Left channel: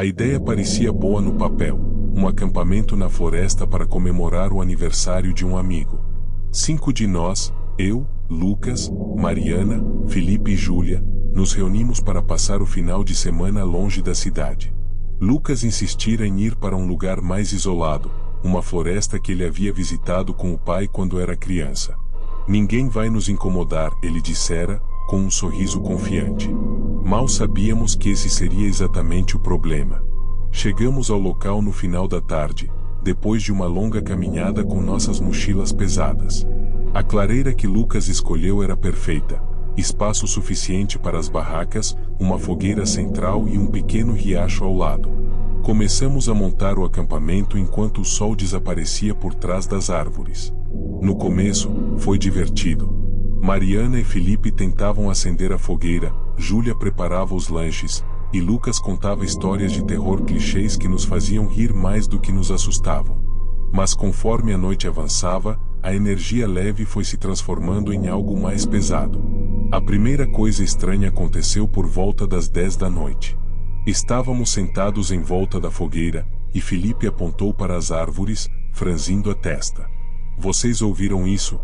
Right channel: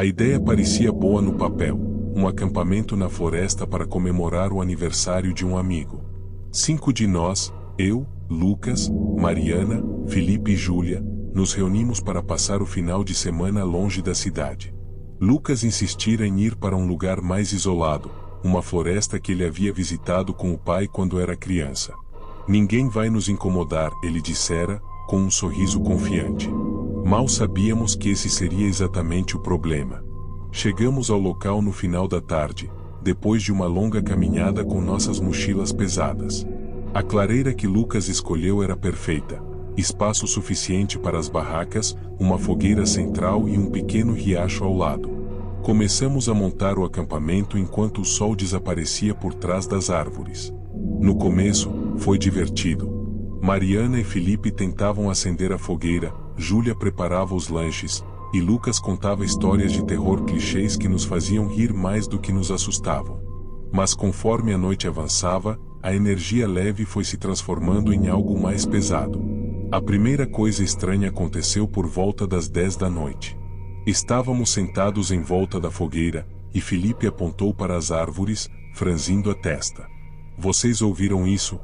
A ideia parecia boa no papel, um acampamento na floresta para comemorar o aniversário de um amigo. 5 de nós, eu, Lucas, Mariana, Felipe e Júlia, nos reunimos para passar o final de semana longe da cidade. Lucas insistira em ir para um lugar mais isolado, uma floresta que ele havia visitado com o pai quando era criança. Ninguém vai nos incomodar, ele dissera, com um sorriso confiante. Mal sabíamos que esse seria exatamente o problema. Chegamos ao local no final da tarde, depois de uma longa caminhada com nossas mochilas pesadas. A clareira que Lucas escolheu era perfeita. Espaço suficiente para as barracas, uma fogueira central e um pequeno riacho ao lado. Começamos a montar o acampamento enquanto o sol desaparecia por trás das árvores. No começo, foi divertido. Mariana e Felipe tentavam acender a fogueira, Júlia preparava os lanches, e Lucas contava histórias de terror clichês que nos faziam rir mais do que nos assustavam. Mas conforme a noite avançava, a energia leve foi se transformando em algo mais pesado. A primeira coisa estranha aconteceu por volta das 10 da noite. Estávamos sentados em volta da fogueira, e Felipe apontou para as árvores, franzindo a testa. Vocês ouviram isso?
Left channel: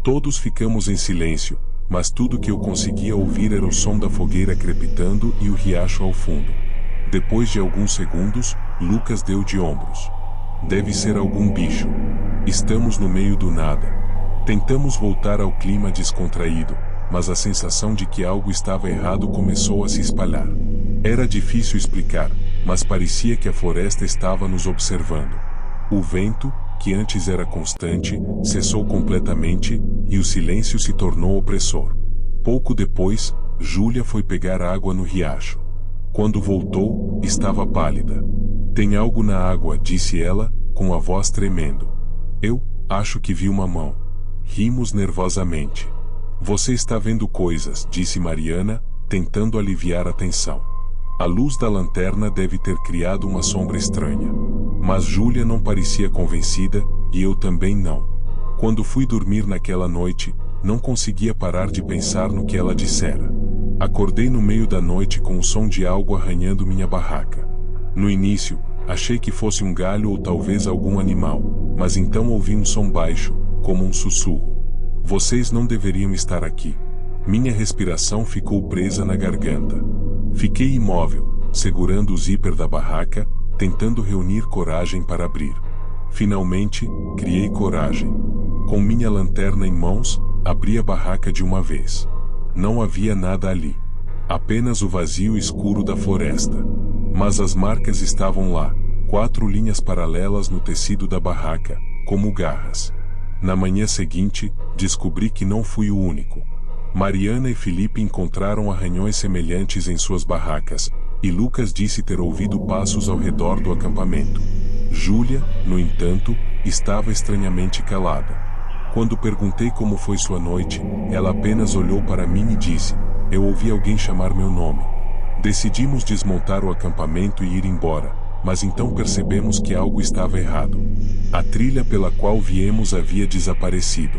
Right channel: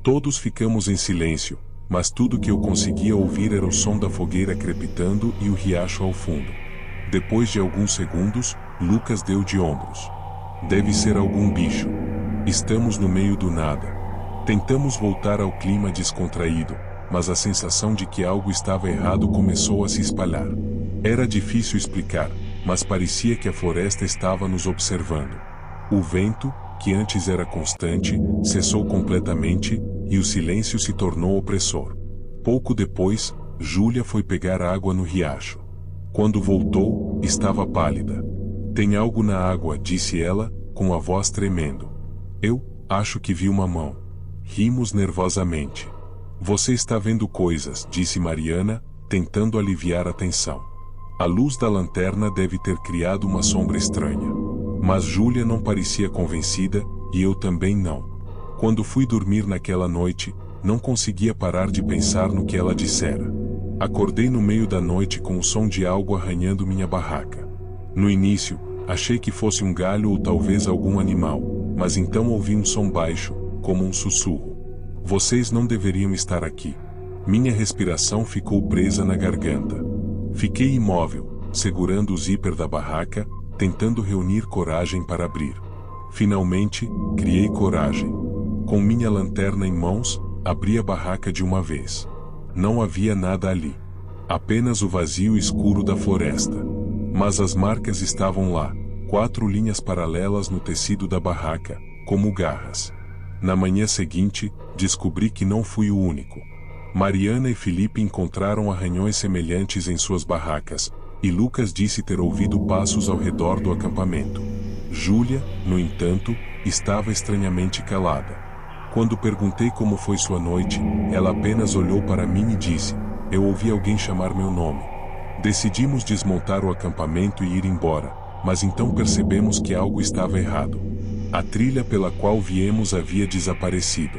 Todos ficamos em silêncio, mas tudo que eu conseguia ouvir era o som da fogueira crepitando e o riacho ao fundo. Depois de alguns segundos, Lucas deu de ombros. Deve ser algum bicho. Estamos no meio do nada. Tentamos voltar ao clima descontraído, mas a sensação de que algo estava errado começou a se espalhar. Era difícil explicar, mas parecia que a floresta estava nos observando. O vento, que antes era constante, cessou completamente, e o silêncio se tornou opressor. Pouco depois, Júlia foi pegar água no riacho. Quando voltou, estava pálida. Tem algo na água, disse ela, com a voz tremendo. Eu acho que vi uma mão. Rimos nervosamente. Você está vendo coisas, disse Mariana, tentando aliviar a tensão. A luz da lanterna deve ter criado uma sombra estranha. Mas Júlia não parecia convencida, e eu também não. Quando fui dormir naquela noite, não conseguia parar de pensar no que ela dissera. Acordei no meio da noite com o som de algo arranhando minha barraca. No início, achei que fosse um galho ou talvez algum animal, mas então ouvi um som baixo, como um sussurro. Vocês não deveriam estar aqui. Minha respiração ficou presa na garganta. Fiquei imóvel, segurando o zíper da barraca, tentando reunir coragem para abrir. Finalmente, criei coragem. Com minha lanterna em mãos, abri a barraca de uma vez. Não havia nada ali. Apenas o vazio escuro da floresta. Mas as marcas estavam lá, 4 linhas paralelas no tecido da barraca, como garras. Na manhã seguinte, descobri que não fui o único. Mariana e Felipe encontraram arranhões semelhantes em suas barracas, e Lucas disse ter ouvido passos ao redor do acampamento. Júlia, no entanto, estava estranhamente calada. Quando perguntei como foi sua noite, ela apenas olhou para mim e disse: eu ouvi alguém chamar meu nome. Decidimos desmontar o acampamento e ir embora, mas então percebemos que algo estava errado. A trilha pela qual viemos havia desaparecido.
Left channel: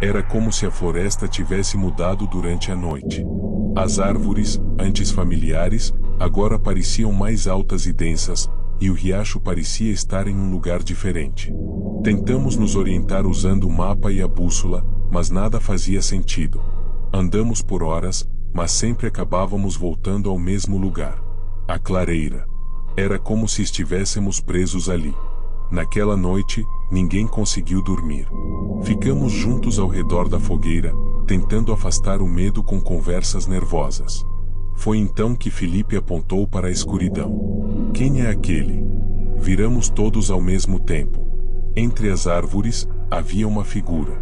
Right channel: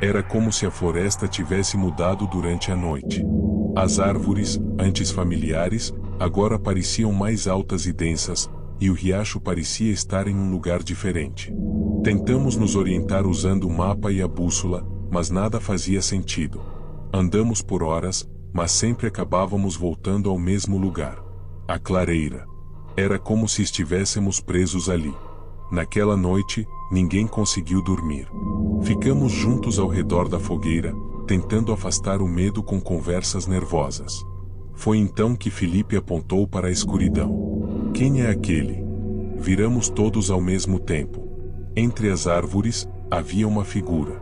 Era como se a floresta tivesse mudado durante a noite. As árvores, antes familiares, agora pareciam mais altas e densas, e o riacho parecia estar em um lugar diferente. Tentamos nos orientar usando o mapa e a bússola, mas nada fazia sentido. Andamos por horas, mas sempre acabávamos voltando ao mesmo lugar. A clareira. Era como se estivéssemos presos ali. Naquela noite, ninguém conseguiu dormir. Ficamos juntos ao redor da fogueira, tentando afastar o medo com conversas nervosas. Foi então que Felipe apontou para a escuridão. Quem é aquele? Viramos todos ao mesmo tempo. Entre as árvores, havia uma figura.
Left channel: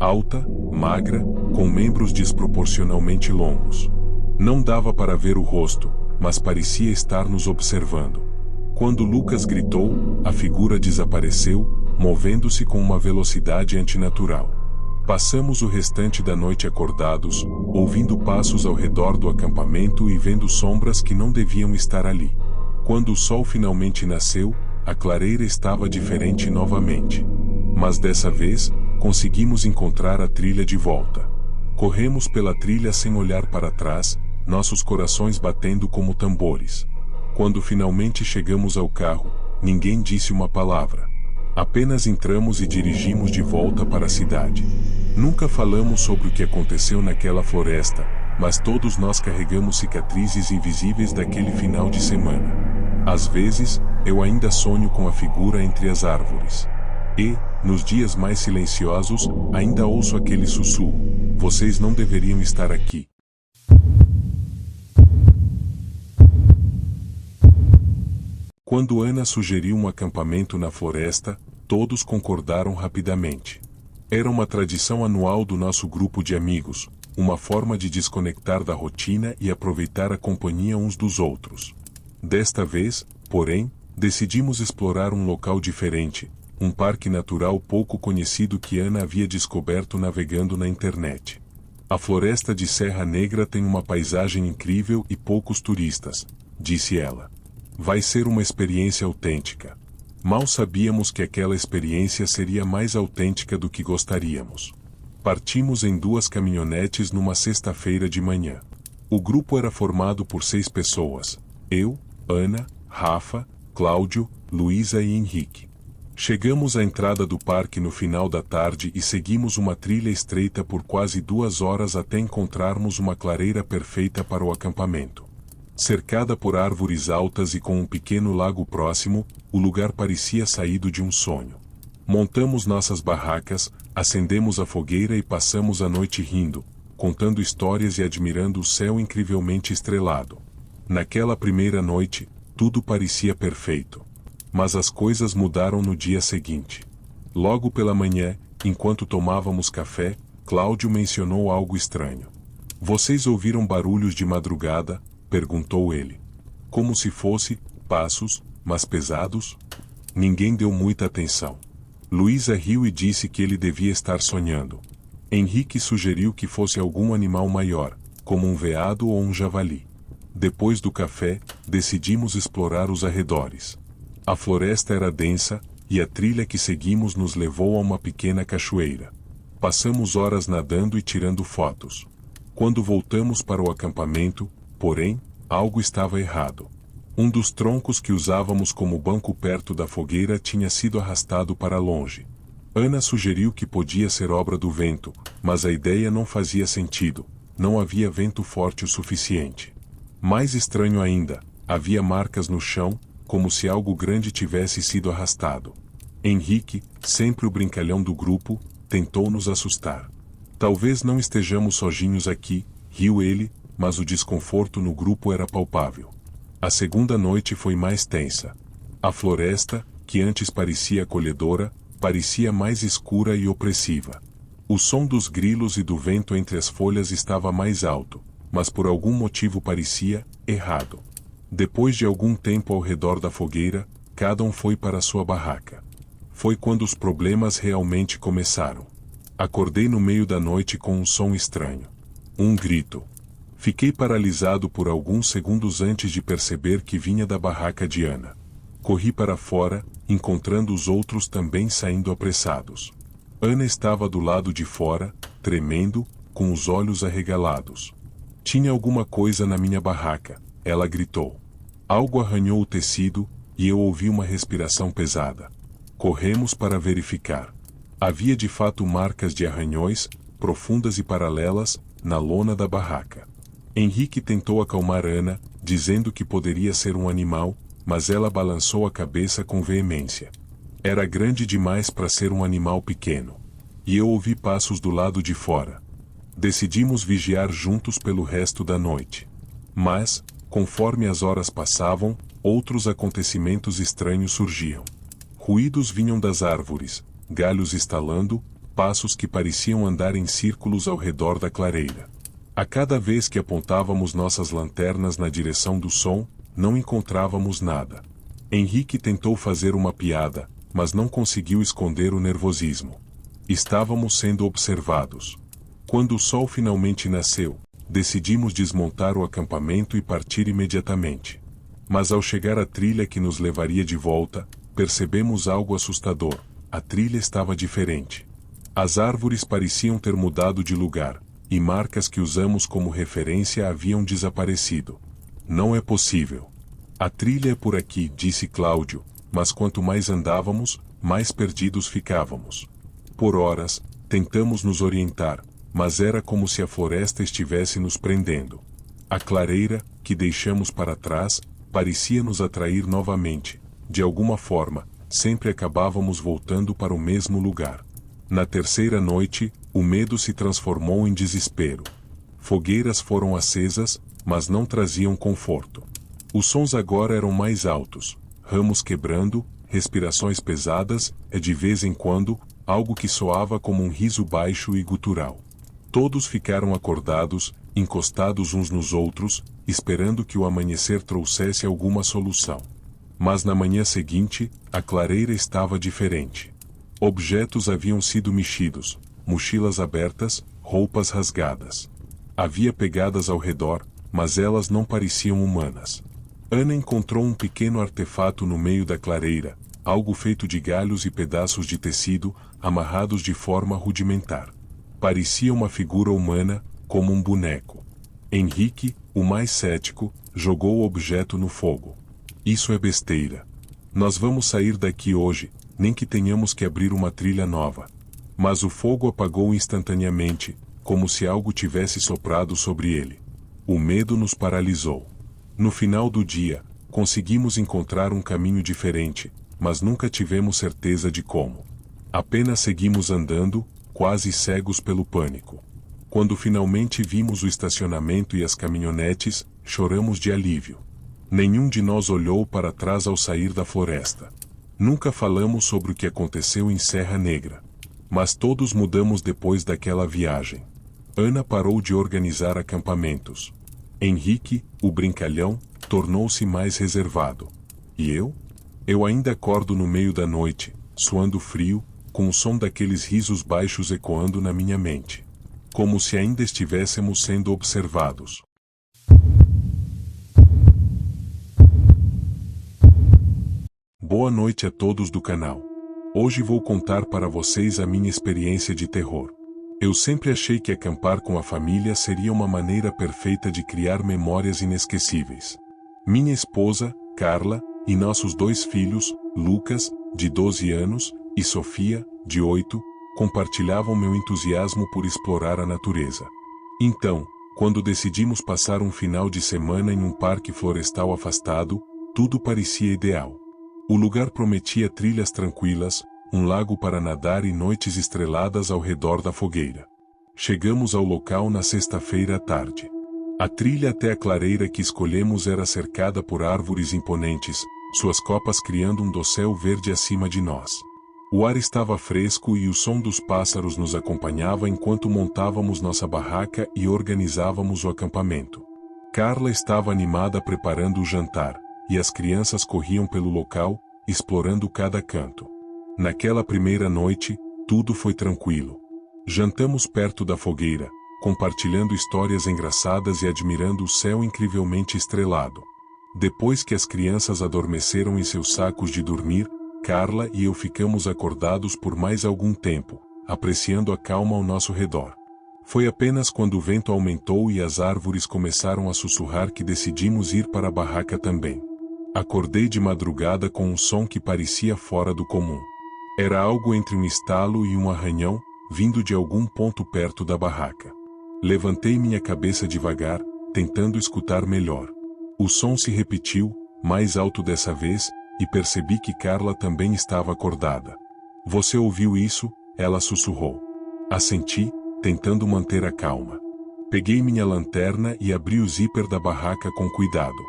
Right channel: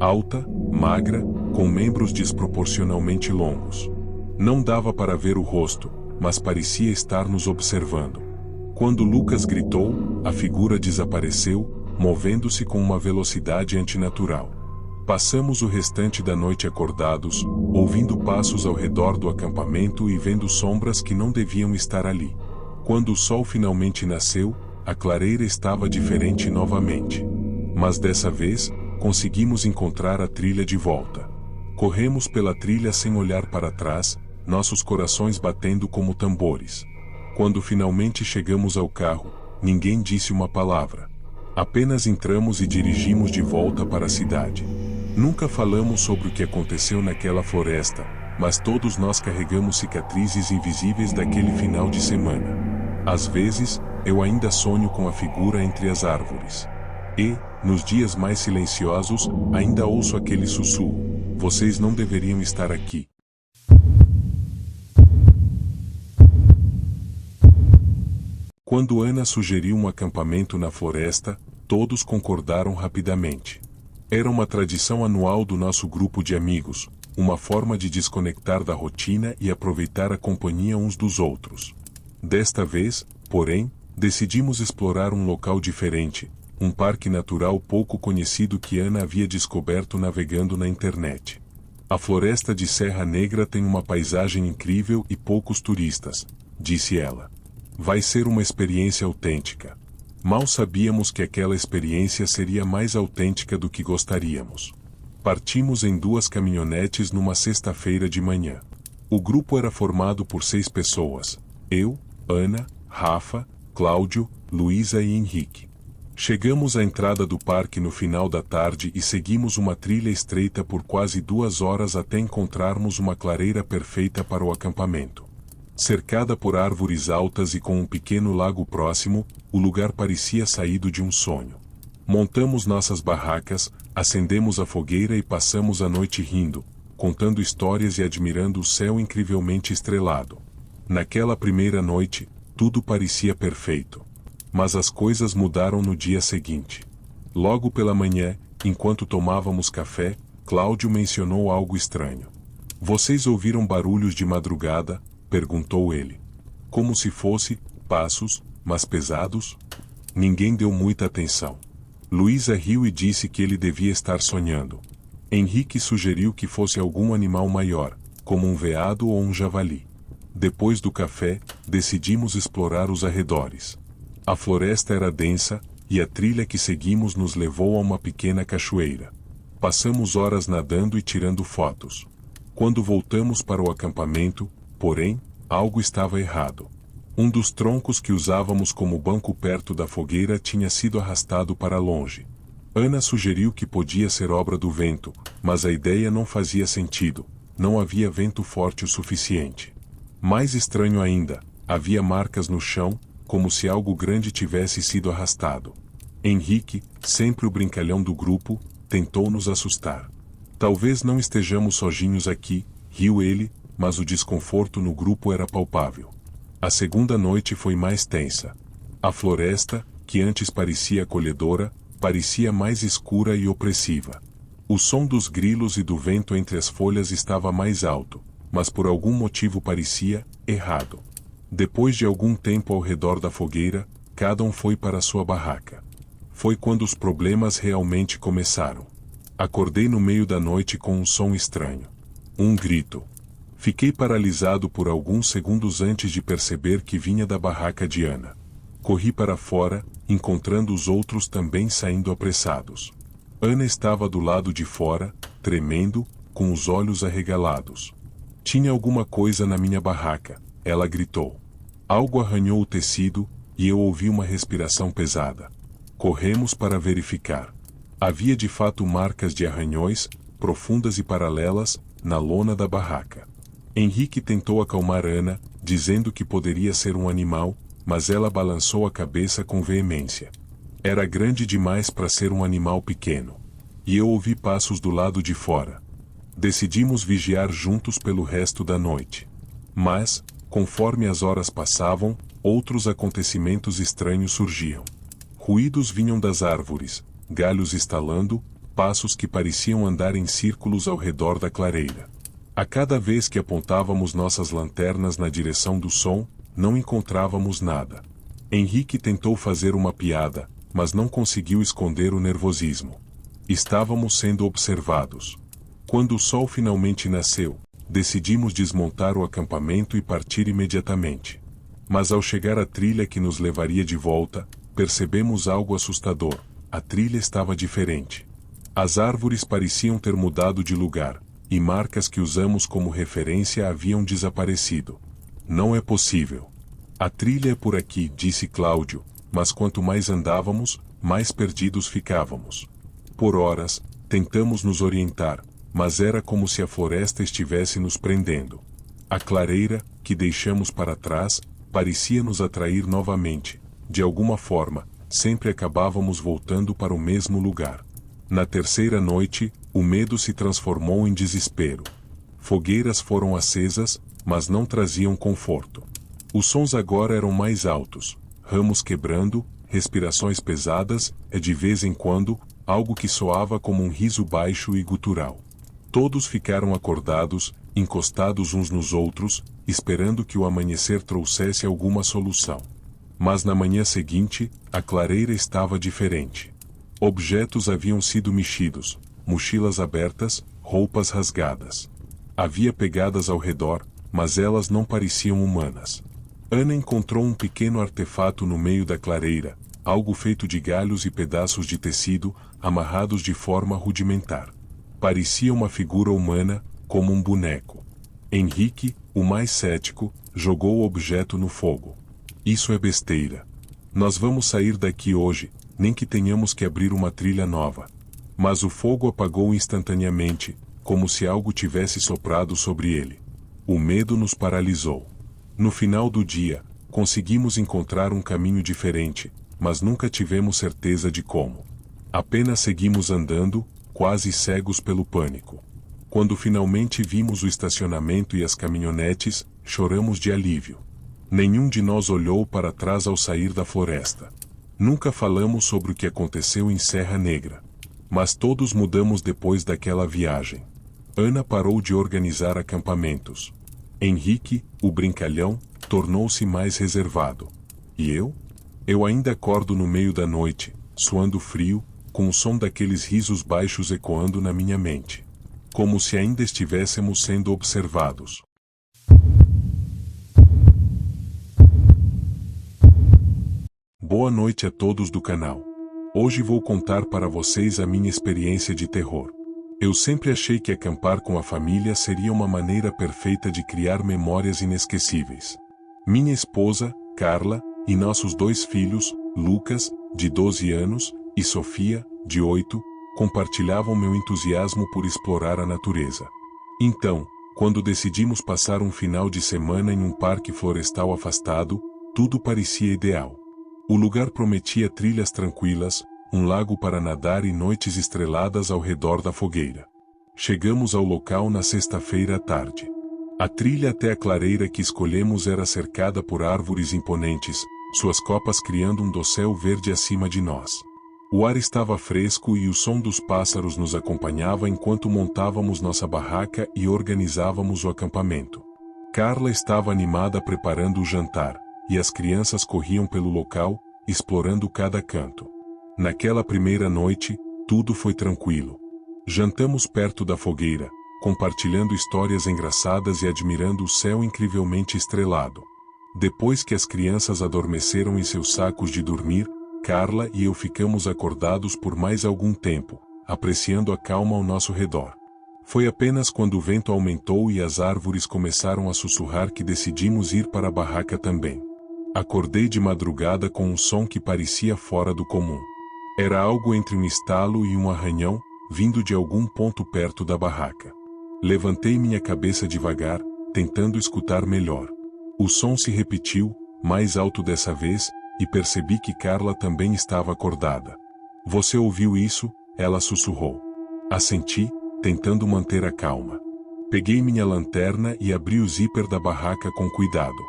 Alta, magra, com membros desproporcionalmente longos. Não dava para ver o rosto, mas parecia estar nos observando. Quando Lucas gritou, a figura desapareceu, movendo-se com uma velocidade antinatural. Passamos o restante da noite acordados, ouvindo passos ao redor do acampamento e vendo sombras que não deviam estar ali. Quando o sol finalmente nasceu, a clareira estava diferente novamente. Mas dessa vez, conseguimos encontrar a trilha de volta. Corremos pela trilha sem olhar para trás, nossos corações batendo como tambores. Quando finalmente chegamos ao carro, ninguém disse uma palavra. Apenas entramos e dirigimos de volta para a cidade. Nunca falamos sobre o que aconteceu naquela floresta, mas todos nós carregamos cicatrizes invisíveis daquele final de semana. Às vezes, eu ainda sonho com a figura entre as árvores. E, nos dias mais silenciosos, ainda ouço aquele sussurro: vocês não deveriam estar aqui. Quando Ana sugeriu um acampamento na floresta, todos concordaram rapidamente. Era uma tradição anual do nosso grupo de amigos, uma forma de desconectar da rotina e aproveitar a companhia uns dos outros. Desta vez, porém, decidimos explorar um local diferente, um parque natural pouco conhecido que Ana havia descoberto navegando na internet. A floresta de Serra Negra tem uma paisagem incrível e poucos turistas, disse ela. Vai ser uma experiência autêntica. Mal sabíamos que aquela experiência seria mais autêntica do que gostaríamos. Partimos em 2 caminhonetes numa sexta-feira de manhã. O grupo era formado por 6 pessoas: eu, Ana, Rafa, Cláudio, Luísa e Henrique. Chegamos à entrada do parque no final da tarde e seguimos uma trilha estreita por quase 2 horas até encontrarmos uma clareira perfeita para o acampamento. Cercada por árvores altas e com um pequeno lago próximo, o lugar parecia saído de um sonho. Montamos nossas barracas, acendemos a fogueira e passamos a noite rindo, contando histórias e admirando o céu incrivelmente estrelado. Naquela primeira noite, tudo parecia perfeito. Mas as coisas mudaram no dia seguinte. Logo pela manhã, enquanto tomávamos café, Cláudio mencionou algo estranho. Vocês ouviram barulhos de madrugada? Perguntou ele. Como se fosse passos, mas pesados? Ninguém deu muita atenção. Luísa riu e disse que ele devia estar sonhando. Henrique sugeriu que fosse algum animal maior, como um veado ou um javali. Depois do café, decidimos explorar os arredores. A floresta era densa, e a trilha que seguimos nos levou a uma pequena cachoeira. Passamos horas nadando e tirando fotos. Quando voltamos para o acampamento, porém, algo estava errado. Um dos troncos que usávamos como banco perto da fogueira tinha sido arrastado para longe. Ana sugeriu que podia ser obra do vento, mas a ideia não fazia sentido, não havia vento forte o suficiente. Mais estranho ainda, havia marcas no chão, como se algo grande tivesse sido arrastado. Henrique, sempre o brincalhão do grupo, tentou nos assustar. Talvez não estejamos sozinhos aqui, riu ele, mas o desconforto no grupo era palpável. A segunda noite foi mais tensa. A floresta, que antes parecia acolhedora, parecia mais escura e opressiva. O som dos grilos e do vento entre as folhas estava mais alto, mas por algum motivo parecia errado. Depois de algum tempo ao redor da fogueira, cada um foi para sua barraca. Foi quando os problemas realmente começaram. Acordei no meio da noite com um som estranho. Um grito. Fiquei paralisado por alguns segundos antes de perceber que vinha da barraca de Ana. Corri para fora, encontrando os outros também saindo apressados. Ana estava do lado de fora, tremendo, com os olhos arregalados. Tinha alguma coisa na minha barraca, ela gritou. Algo arranhou o tecido, e eu ouvi uma respiração pesada. Corremos para verificar. Havia de fato marcas de arranhões, profundas e paralelas, na lona da barraca. Henrique tentou acalmar Ana, dizendo que poderia ser um animal, mas ela balançou a cabeça com veemência. Era grande demais para ser um animal pequeno. E eu ouvi passos do lado de fora. Decidimos vigiar juntos pelo resto da noite. Mas, conforme as horas passavam, outros acontecimentos estranhos surgiam. Ruídos vinham das árvores, galhos estalando, passos que pareciam andar em círculos ao redor da clareira. A cada vez que apontávamos nossas lanternas na direção do som, não encontrávamos nada. Henrique tentou fazer uma piada, mas não conseguiu esconder o nervosismo. Estávamos sendo observados. Quando o sol finalmente nasceu, decidimos desmontar o acampamento e partir imediatamente. Mas ao chegar à trilha que nos levaria de volta, percebemos algo assustador. A trilha estava diferente. As árvores pareciam ter mudado de lugar, e marcas que usamos como referência haviam desaparecido. Não é possível. A trilha é por aqui, disse Cláudio, mas quanto mais andávamos, mais perdidos ficávamos. Por horas, tentamos nos orientar, mas era como se a floresta estivesse nos prendendo. A clareira, que deixamos para trás, parecia nos atrair novamente. De alguma forma, sempre acabávamos voltando para o mesmo lugar. Na terceira noite, o medo se transformou em desespero. Fogueiras foram acesas, mas não traziam conforto. Os sons agora eram mais altos, ramos quebrando, respirações pesadas, e de vez em quando, algo que soava como um riso baixo e gutural. Todos ficaram acordados, encostados uns nos outros, esperando que o amanhecer trouxesse alguma solução. Mas na manhã seguinte, a clareira estava diferente. Objetos haviam sido mexidos, mochilas abertas, roupas rasgadas. Havia pegadas ao redor, mas elas não pareciam humanas. Ana encontrou um pequeno artefato no meio da clareira, algo feito de galhos e pedaços de tecido, amarrados de forma rudimentar. Parecia uma figura humana, como um boneco. Henrique, o mais cético, jogou o objeto no fogo. Isso é besteira. Nós vamos sair daqui hoje, nem que tenhamos que abrir uma trilha nova. Mas o fogo apagou instantaneamente, como se algo tivesse soprado sobre ele. O medo nos paralisou. No final do dia, conseguimos encontrar um caminho diferente, mas nunca tivemos certeza de como. Apenas seguimos andando, quase cegos pelo pânico. Quando finalmente vimos o estacionamento e as caminhonetes, choramos de alívio. Nenhum de nós olhou para trás ao sair da floresta. Nunca falamos sobre o que aconteceu em Serra Negra. Mas todos mudamos depois daquela viagem. Ana parou de organizar acampamentos. Henrique, o brincalhão, tornou-se mais reservado. E eu? Eu ainda acordo no meio da noite, suando frio, com o som daqueles risos baixos ecoando na minha mente. Como se ainda estivéssemos sendo observados. Boa noite a todos do canal. Hoje vou contar para vocês a minha experiência de terror. Eu sempre achei que acampar com a família seria uma maneira perfeita de criar memórias inesquecíveis. Minha esposa, Carla, e nossos 2 filhos, Lucas, de 12 anos, e Sofia, de 8, compartilhavam meu entusiasmo por explorar a natureza. Então, quando decidimos passar um final de semana em um parque florestal afastado, tudo parecia ideal. O lugar prometia trilhas tranquilas, um lago para nadar e noites estreladas ao redor da fogueira. Chegamos ao local na sexta-feira à tarde. A trilha até a clareira que escolhemos era cercada por árvores imponentes, suas copas criando um dossel verde acima de nós. O ar estava fresco e o som dos pássaros nos acompanhava enquanto montávamos nossa barraca e organizávamos o acampamento. Carla estava animada preparando o jantar, e as crianças corriam pelo local, explorando cada canto. Naquela primeira noite, tudo foi tranquilo. Jantamos perto da fogueira, compartilhando histórias engraçadas e admirando o céu incrivelmente estrelado. Depois que as crianças adormeceram em seus sacos de dormir, Carla e eu ficamos acordados por mais algum tempo, apreciando a calma ao nosso redor. Foi apenas quando o vento aumentou e as árvores começaram a sussurrar que decidimos ir para a barraca também. Acordei de madrugada com um som que parecia fora do comum. Era algo entre um estalo e um arranhão, vindo de algum ponto perto da barraca. Levantei minha cabeça devagar, tentando escutar melhor. O som se repetiu, mais alto dessa vez, e percebi que Carla também estava acordada. Você ouviu isso? Ela sussurrou. Assenti, tentando manter a calma. Peguei minha lanterna e abri o zíper da barraca com cuidado.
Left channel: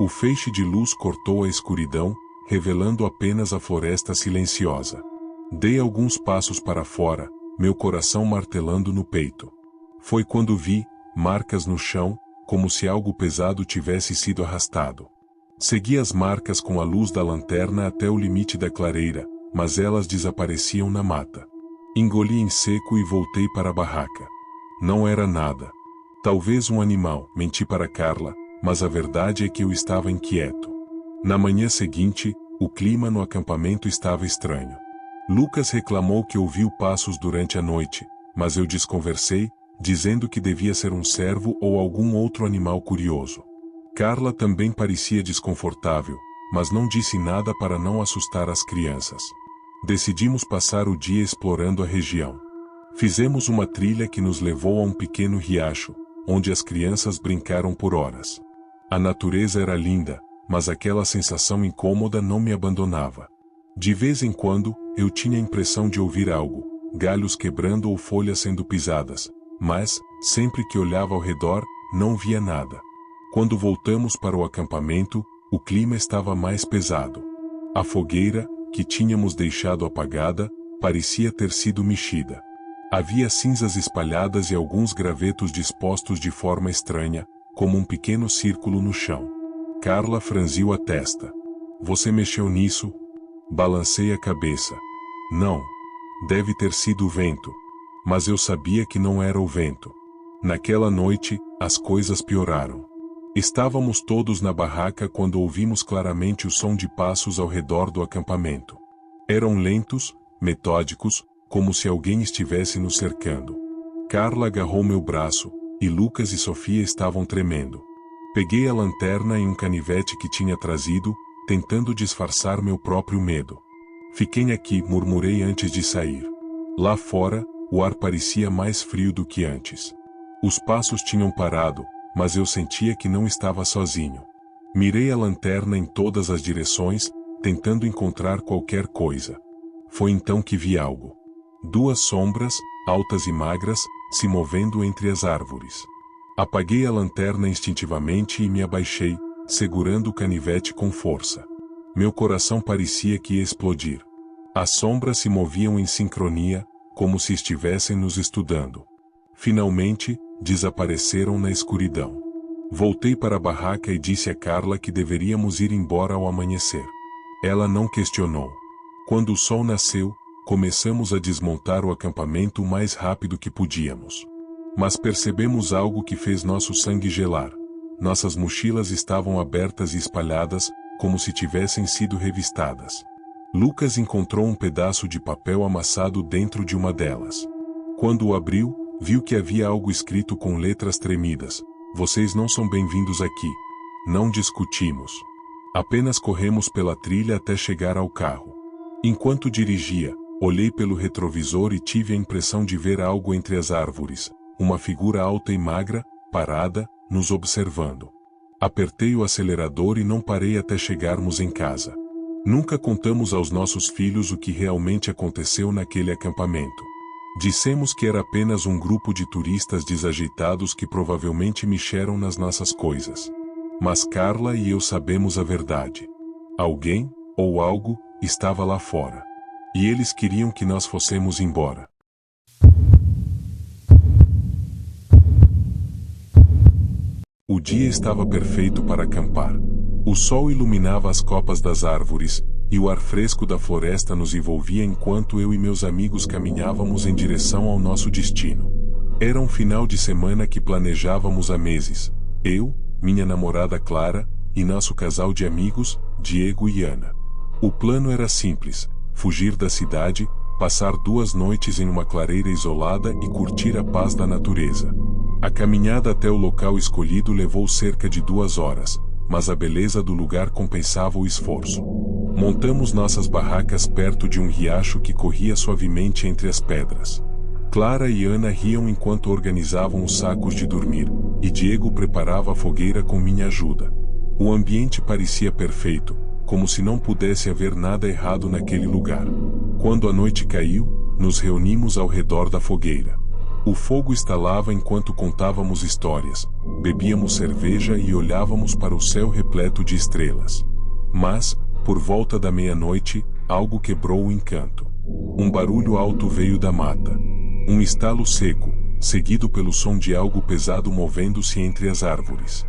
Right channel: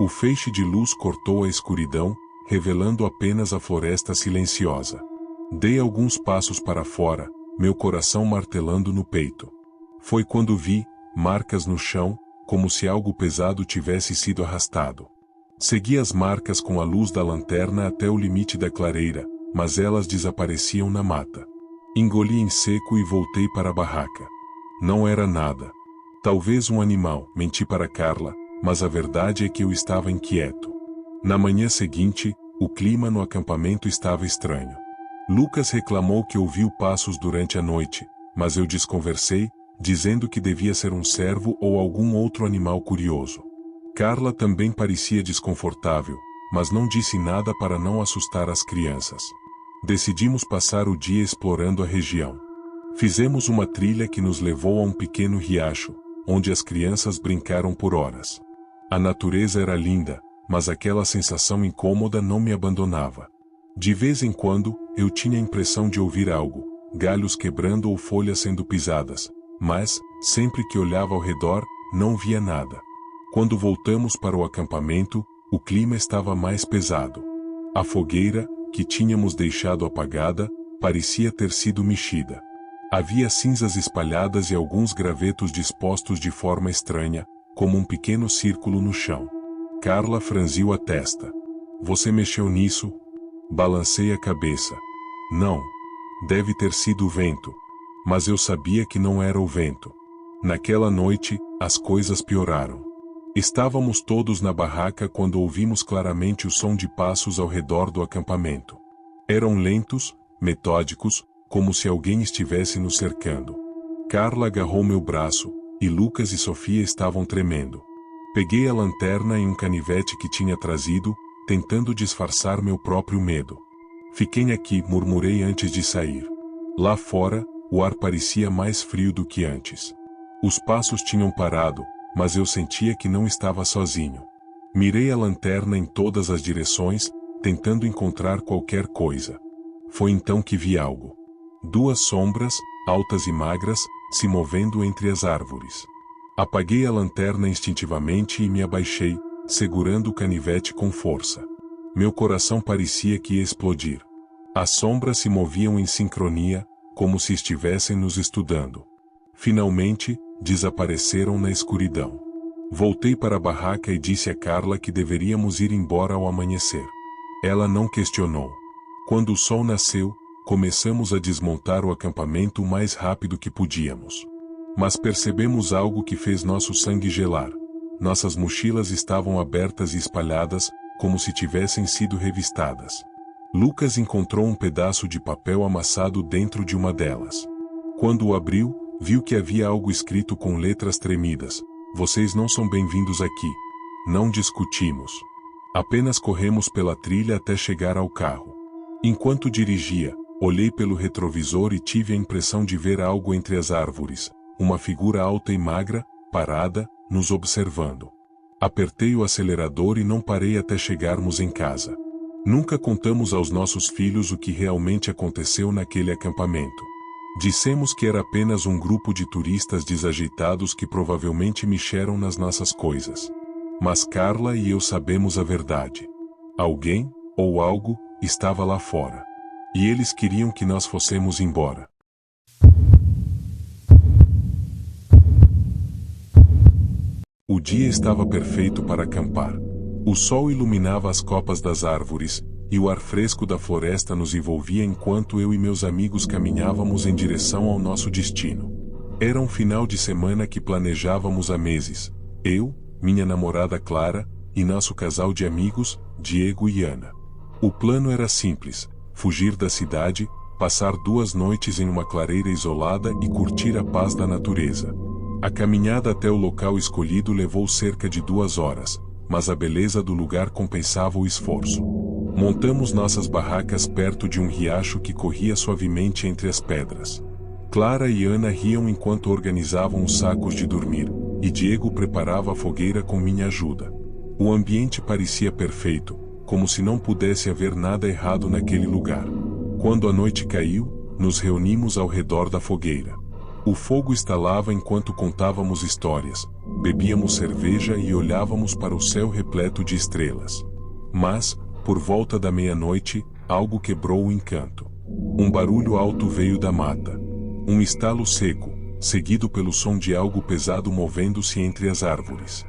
O feixe de luz cortou a escuridão, revelando apenas a floresta silenciosa. Dei alguns passos para fora, meu coração martelando no peito. Foi quando vi marcas no chão, como se algo pesado tivesse sido arrastado. Segui as marcas com a luz da lanterna até o limite da clareira, mas elas desapareciam na mata. Engoli em seco e voltei para a barraca. Não era nada. Talvez um animal, menti para Carla, mas a verdade é que eu estava inquieto. Na manhã seguinte, o clima no acampamento estava estranho. Lucas reclamou que ouviu passos durante a noite, mas eu desconversei, dizendo que devia ser um cervo ou algum outro animal curioso. Carla também parecia desconfortável, mas não disse nada para não assustar as crianças. Decidimos passar o dia explorando a região. Fizemos uma trilha que nos levou a um pequeno riacho, onde as crianças brincaram por horas. A natureza era linda, mas aquela sensação incômoda não me abandonava. De vez em quando, eu tinha a impressão de ouvir algo, galhos quebrando ou folhas sendo pisadas, mas, sempre que olhava ao redor, não via nada. Quando voltamos para o acampamento, o clima estava mais pesado. A fogueira, que tínhamos deixado apagada, parecia ter sido mexida. Havia cinzas espalhadas e alguns gravetos dispostos de forma estranha, como um pequeno círculo no chão. Carla franziu a testa. Você mexeu nisso? Balancei a cabeça. Não. Deve ter sido o vento. Mas eu sabia que não era o vento. Naquela noite, as coisas pioraram. Estávamos todos na barraca quando ouvimos claramente o som de passos ao redor do acampamento. Eram lentos, metódicos, como se alguém estivesse nos cercando. Carla agarrou meu braço, e Lucas e Sofia estavam tremendo. Peguei a lanterna e um canivete que tinha trazido, tentando disfarçar meu próprio medo. Fiquem aqui, murmurei antes de sair. Lá fora, o ar parecia mais frio do que antes. Os passos tinham parado, mas eu sentia que não estava sozinho. Mirei a lanterna em todas as direções, tentando encontrar qualquer coisa. Foi então que vi algo. 2 sombras, altas e magras, se movendo entre as árvores. Apaguei a lanterna instintivamente e me abaixei, segurando o canivete com força. Meu coração parecia que ia explodir. As sombras se moviam em sincronia, como se estivessem nos estudando. Finalmente, desapareceram na escuridão. Voltei para a barraca e disse a Carla que deveríamos ir embora ao amanhecer. Ela não questionou. Quando o sol nasceu, começamos a desmontar o acampamento o mais rápido que podíamos. Mas percebemos algo que fez nosso sangue gelar. Nossas mochilas estavam abertas e espalhadas, como se tivessem sido revistadas. Lucas encontrou um pedaço de papel amassado dentro de uma delas. Quando o abriu, viu que havia algo escrito com letras tremidas. Vocês não são bem-vindos aqui. Não discutimos. Apenas corremos pela trilha até chegar ao carro. Enquanto dirigia, olhei pelo retrovisor e tive a impressão de ver algo entre as árvores, uma figura alta e magra, parada, nos observando. Apertei o acelerador e não parei até chegarmos em casa. Nunca contamos aos nossos filhos o que realmente aconteceu naquele acampamento. Dissemos que era apenas um grupo de turistas desajeitados que provavelmente mexeram nas nossas coisas. Mas Carla e eu sabemos a verdade. Alguém, ou algo, estava lá fora. E eles queriam que nós fossemos embora. O dia estava perfeito para acampar. O sol iluminava as copas das árvores, e o ar fresco da floresta nos envolvia enquanto eu e meus amigos caminhávamos em direção ao nosso destino. Era um final de semana que planejávamos há meses. Eu, minha namorada Clara, e nosso casal de amigos, Diego e Ana. O plano era simples: fugir da cidade, passar 2 noites em uma clareira isolada e curtir a paz da natureza. A caminhada até o local escolhido levou cerca de 2 horas, mas a beleza do lugar compensava o esforço. Montamos nossas barracas perto de um riacho que corria suavemente entre as pedras. Clara e Ana riam enquanto organizavam os sacos de dormir, e Diego preparava a fogueira com minha ajuda. O ambiente parecia perfeito, como se não pudesse haver nada errado naquele lugar. Quando a noite caiu, nos reunimos ao redor da fogueira. O fogo estalava enquanto contávamos histórias, bebíamos cerveja e olhávamos para o céu repleto de estrelas. Mas, por volta da meia-noite, algo quebrou o encanto. Um barulho alto veio da mata. Um estalo seco, seguido pelo som de algo pesado movendo-se entre as árvores.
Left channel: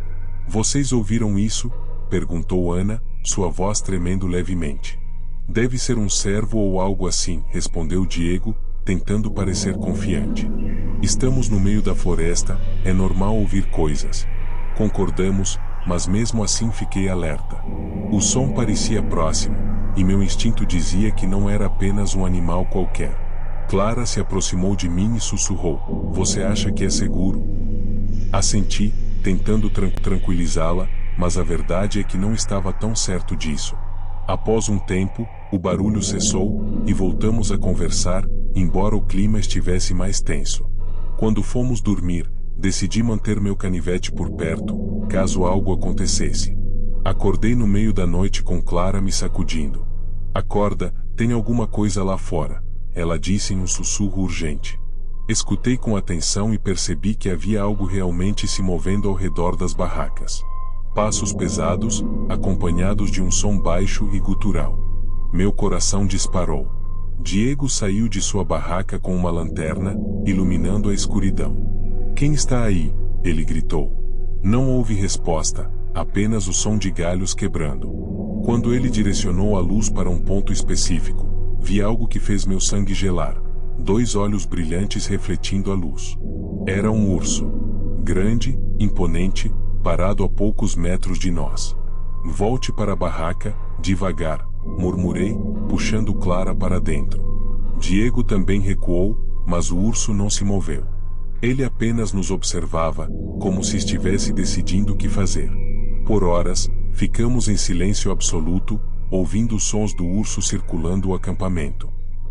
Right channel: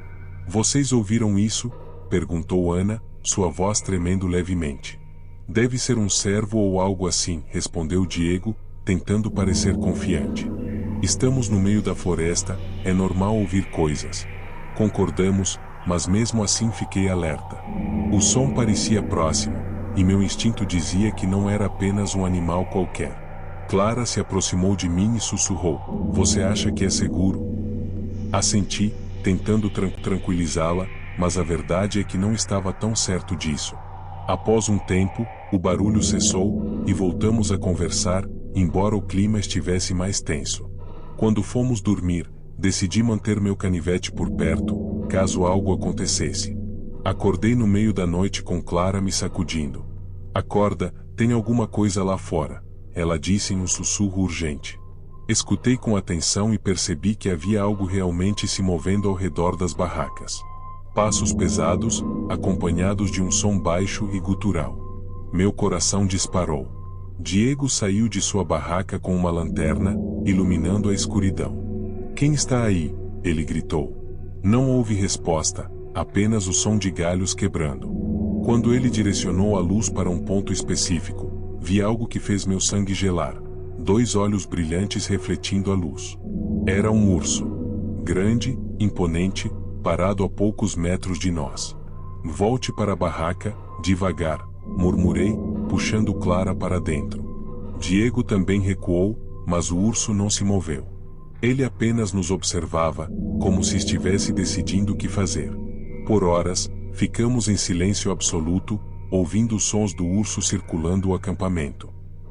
Vocês ouviram isso? Perguntou Ana, sua voz tremendo levemente. Deve ser um cervo ou algo assim, respondeu Diego, tentando parecer confiante. Estamos no meio da floresta, é normal ouvir coisas. Concordamos, mas mesmo assim fiquei alerta. O som parecia próximo, e meu instinto dizia que não era apenas um animal qualquer. Clara se aproximou de mim e sussurrou: "Você acha que é seguro?" Assenti, tentando tranquilizá-la, mas a verdade é que não estava tão certo disso. Após um tempo, o barulho cessou, e voltamos a conversar, embora o clima estivesse mais tenso. Quando fomos dormir, decidi manter meu canivete por perto, caso algo acontecesse. Acordei no meio da noite com Clara me sacudindo. "Acorda, tem alguma coisa lá fora", ela disse em um sussurro urgente. Escutei com atenção e percebi que havia algo realmente se movendo ao redor das barracas. Passos pesados, acompanhados de um som baixo e gutural. Meu coração disparou. Diego saiu de sua barraca com uma lanterna, iluminando a escuridão. "Quem está aí?", ele gritou. Não houve resposta, apenas o som de galhos quebrando. Quando ele direcionou a luz para um ponto específico, vi algo que fez meu sangue gelar. 2 olhos brilhantes refletindo a luz. Era um urso. Grande, imponente, parado a poucos metros de nós. "Volte para a barraca, devagar", murmurei, puxando Clara para dentro. Diego também recuou, mas o urso não se moveu. Ele apenas nos observava, como se estivesse decidindo o que fazer. Por horas, ficamos em silêncio absoluto, ouvindo os sons do urso circulando o acampamento.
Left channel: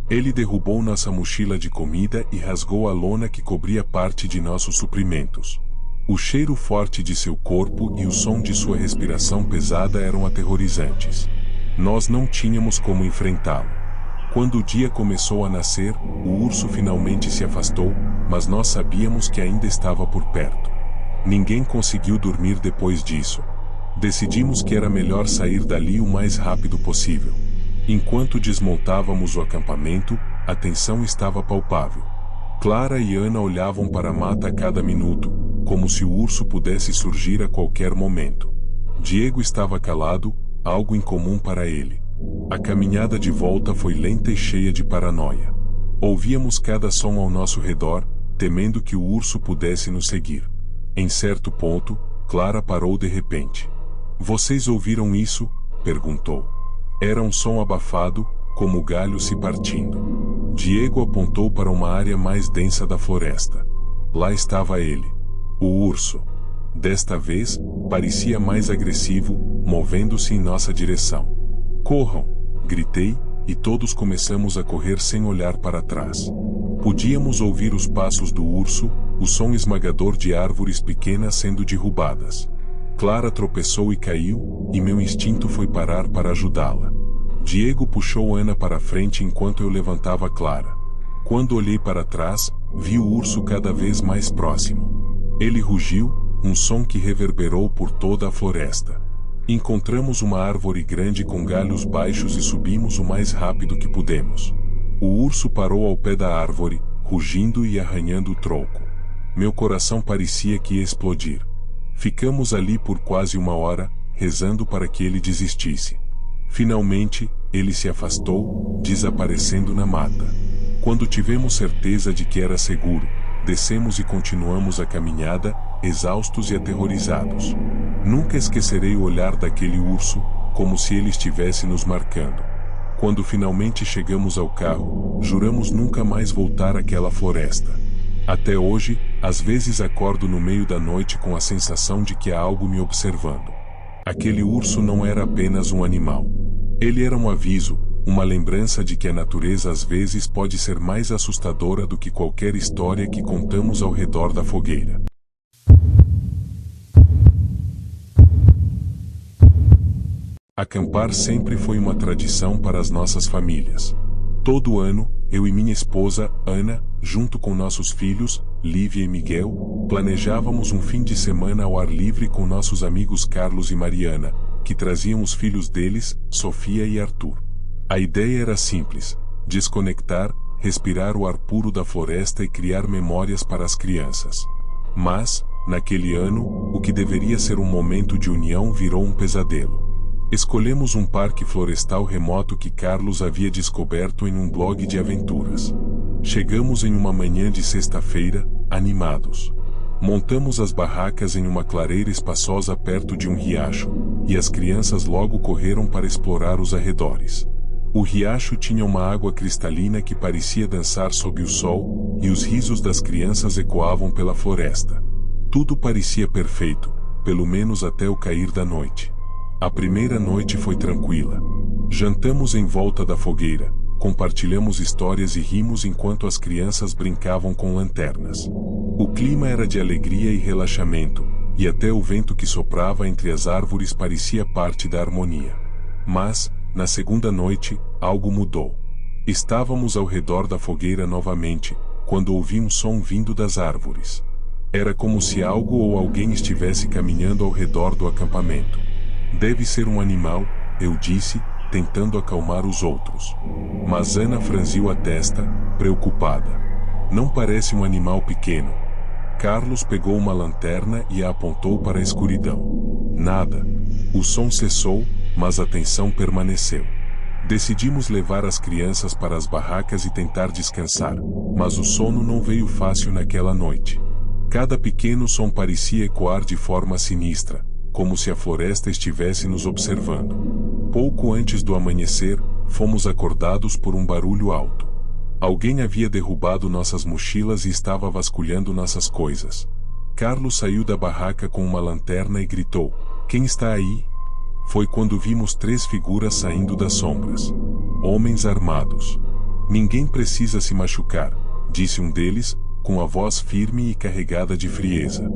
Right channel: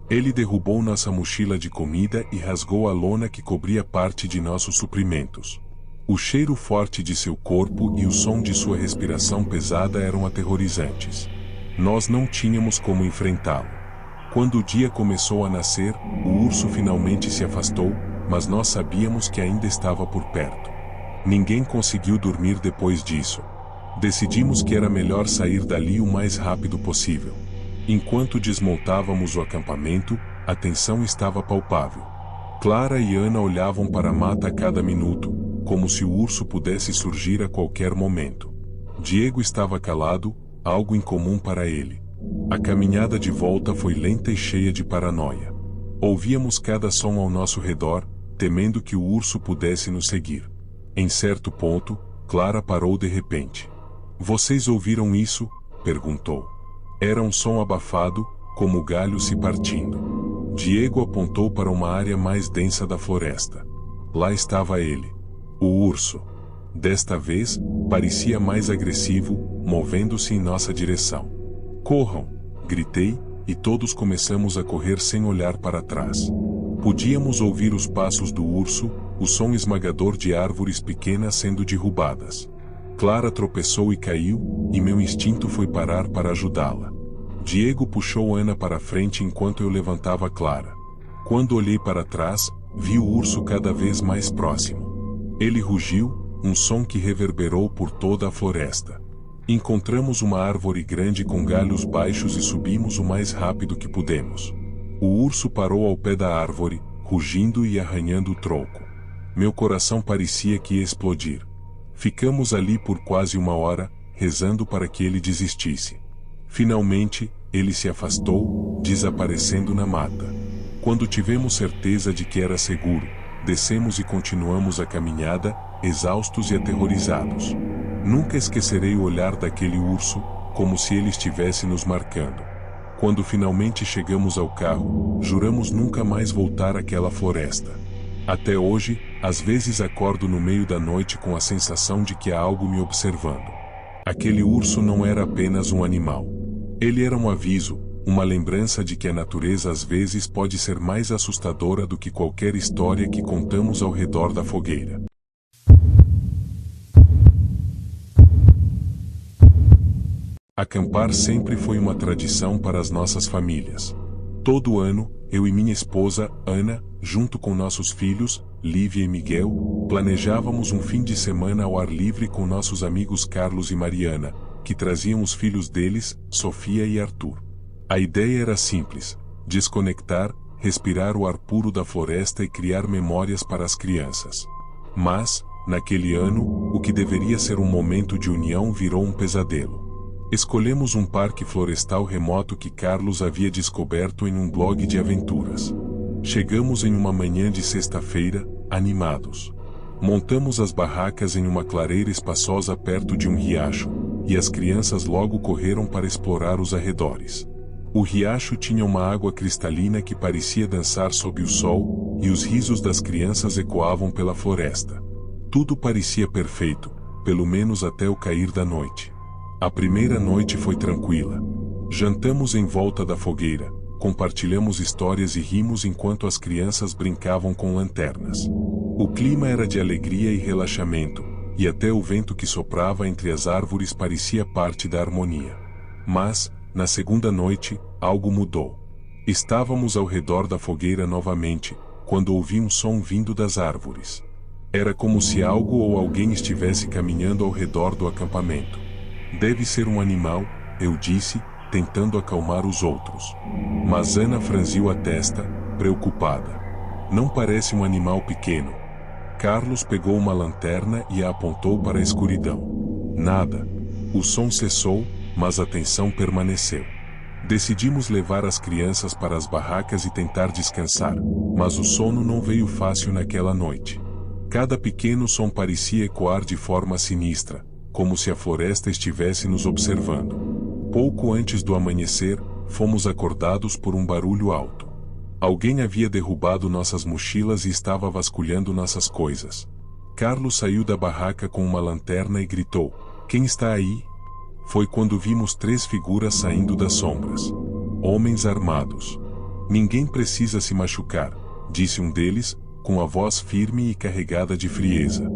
Ele derrubou nossa mochila de comida e rasgou a lona que cobria parte de nossos suprimentos. O cheiro forte de seu corpo e o som de sua respiração pesada eram aterrorizantes. Nós não tínhamos como enfrentá-lo. Quando o dia começou a nascer, o urso finalmente se afastou, mas nós sabíamos que ainda estava por perto. Ninguém conseguiu dormir depois disso. Decidimos que era melhor sair dali o mais rápido possível. Enquanto desmontávamos o acampamento, a tensão estava palpável. Clara e Ana olhavam para a mata a cada minuto, como se o urso pudesse surgir a qualquer momento. Diego estava calado, algo incomum para ele. A caminhada de volta foi lenta e cheia de paranoia. Ouvíamos cada som ao nosso redor, temendo que o urso pudesse nos seguir. Em certo ponto, Clara parou de repente. "Vocês ouviram isso?", perguntou. Era um som abafado, como galhos se partindo. Diego apontou para uma área mais densa da floresta. Lá estava ele. O urso. Desta vez, parecia mais agressivo, movendo-se em nossa direção. "Corram!", gritei, e todos começamos a correr sem olhar para trás. Podíamos ouvir os passos do urso, o som esmagador de árvores pequenas sendo derrubadas. Clara tropeçou e caiu, e meu instinto foi parar para ajudá-la. Diego puxou Ana para frente enquanto eu levantava Clara. Quando olhei para trás, vi o urso cada vez mais próximo. Ele rugiu, um som que reverberou por toda a floresta. Encontramos uma árvore grande com galhos baixos e subimos o mais rápido que pudemos. O urso parou ao pé da árvore, rugindo e arranhando o tronco. Meu coração parecia que ia explodir. Ficamos ali por quase 1 hora, rezando para que ele desistisse. Finalmente, ele se afastou, desaparecendo na mata. Quando tivemos certeza de que era seguro, descemos e continuamos a caminhada, exaustos e aterrorizados. Nunca esquecerei o olhar daquele urso, como se ele estivesse nos marcando. Quando finalmente chegamos ao carro, juramos nunca mais voltar àquela floresta. Até hoje, às vezes acordo no meio da noite com a sensação de que há algo me observando. Aquele urso não era apenas um animal. Ele era um aviso, uma lembrança de que a natureza às vezes pode ser mais assustadora do que qualquer história que contamos ao redor da fogueira. Acampar sempre foi uma tradição para as nossas famílias. Todo ano, eu e minha esposa, Ana, junto com nossos filhos, Lívia e Miguel, planejávamos um fim de semana ao ar livre com nossos amigos Carlos e Mariana, que traziam os filhos deles, Sofia e Arthur. A ideia era simples: desconectar, respirar o ar puro da floresta e criar memórias para as crianças. Mas, naquele ano, o que deveria ser um momento de união virou um pesadelo. Escolhemos um parque florestal remoto que Carlos havia descoberto em um blog de aventuras. Chegamos em uma manhã de sexta-feira, animados. Montamos as barracas em uma clareira espaçosa perto de um riacho, e as crianças logo correram para explorar os arredores. O riacho tinha uma água cristalina que parecia dançar sob o sol, e os risos das crianças ecoavam pela floresta. Tudo parecia perfeito, pelo menos até o cair da noite. A primeira noite foi tranquila. Jantamos em volta da fogueira, compartilhamos histórias e rimos enquanto as crianças brincavam com lanternas. O clima era de alegria e relaxamento, e até o vento que soprava entre as árvores parecia parte da harmonia. Mas, na segunda noite, algo mudou. Estávamos ao redor da fogueira novamente, quando ouvi um som vindo das árvores. Era como se algo ou alguém estivesse caminhando ao redor do acampamento. Deve ser um animal, eu disse, tentando acalmar os outros. Mas Ana franziu a testa, preocupada. Não parece um animal pequeno. Carlos pegou uma lanterna e a apontou para a escuridão. Nada. O som cessou, mas a tensão permaneceu. Decidimos levar as crianças para as barracas e tentar descansar, mas o sono não veio fácil naquela noite. Cada pequeno som parecia ecoar de forma sinistra, como se a floresta estivesse nos observando. Pouco antes do amanhecer, fomos acordados por um barulho alto. Alguém havia derrubado nossas mochilas e estava vasculhando nossas coisas. Carlos saiu da barraca com uma lanterna e gritou: "Quem está aí?" Foi quando vimos 3 figuras saindo das sombras. Homens armados. "Ninguém precisa se machucar", disse um deles, com a voz firme e carregada de frieza.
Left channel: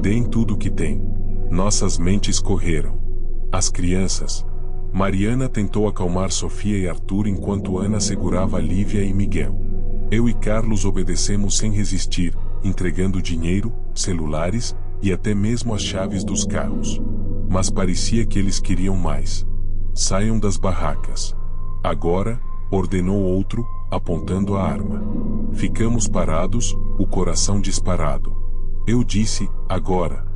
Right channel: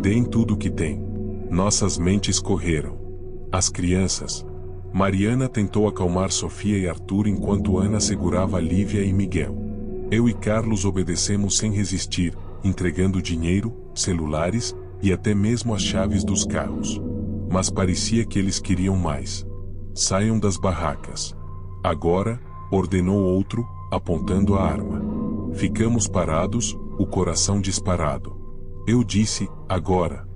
"Deem tudo o que têm." Nossas mentes correram. As crianças. Mariana tentou acalmar Sofia e Arthur enquanto Ana segurava Lívia e Miguel. Eu e Carlos obedecemos sem resistir, entregando dinheiro, celulares e até mesmo as chaves dos carros. Mas parecia que eles queriam mais. "Saiam das barracas." "Agora", ordenou outro, apontando a arma. Ficamos parados, o coração disparado. Eu disse: "Agora."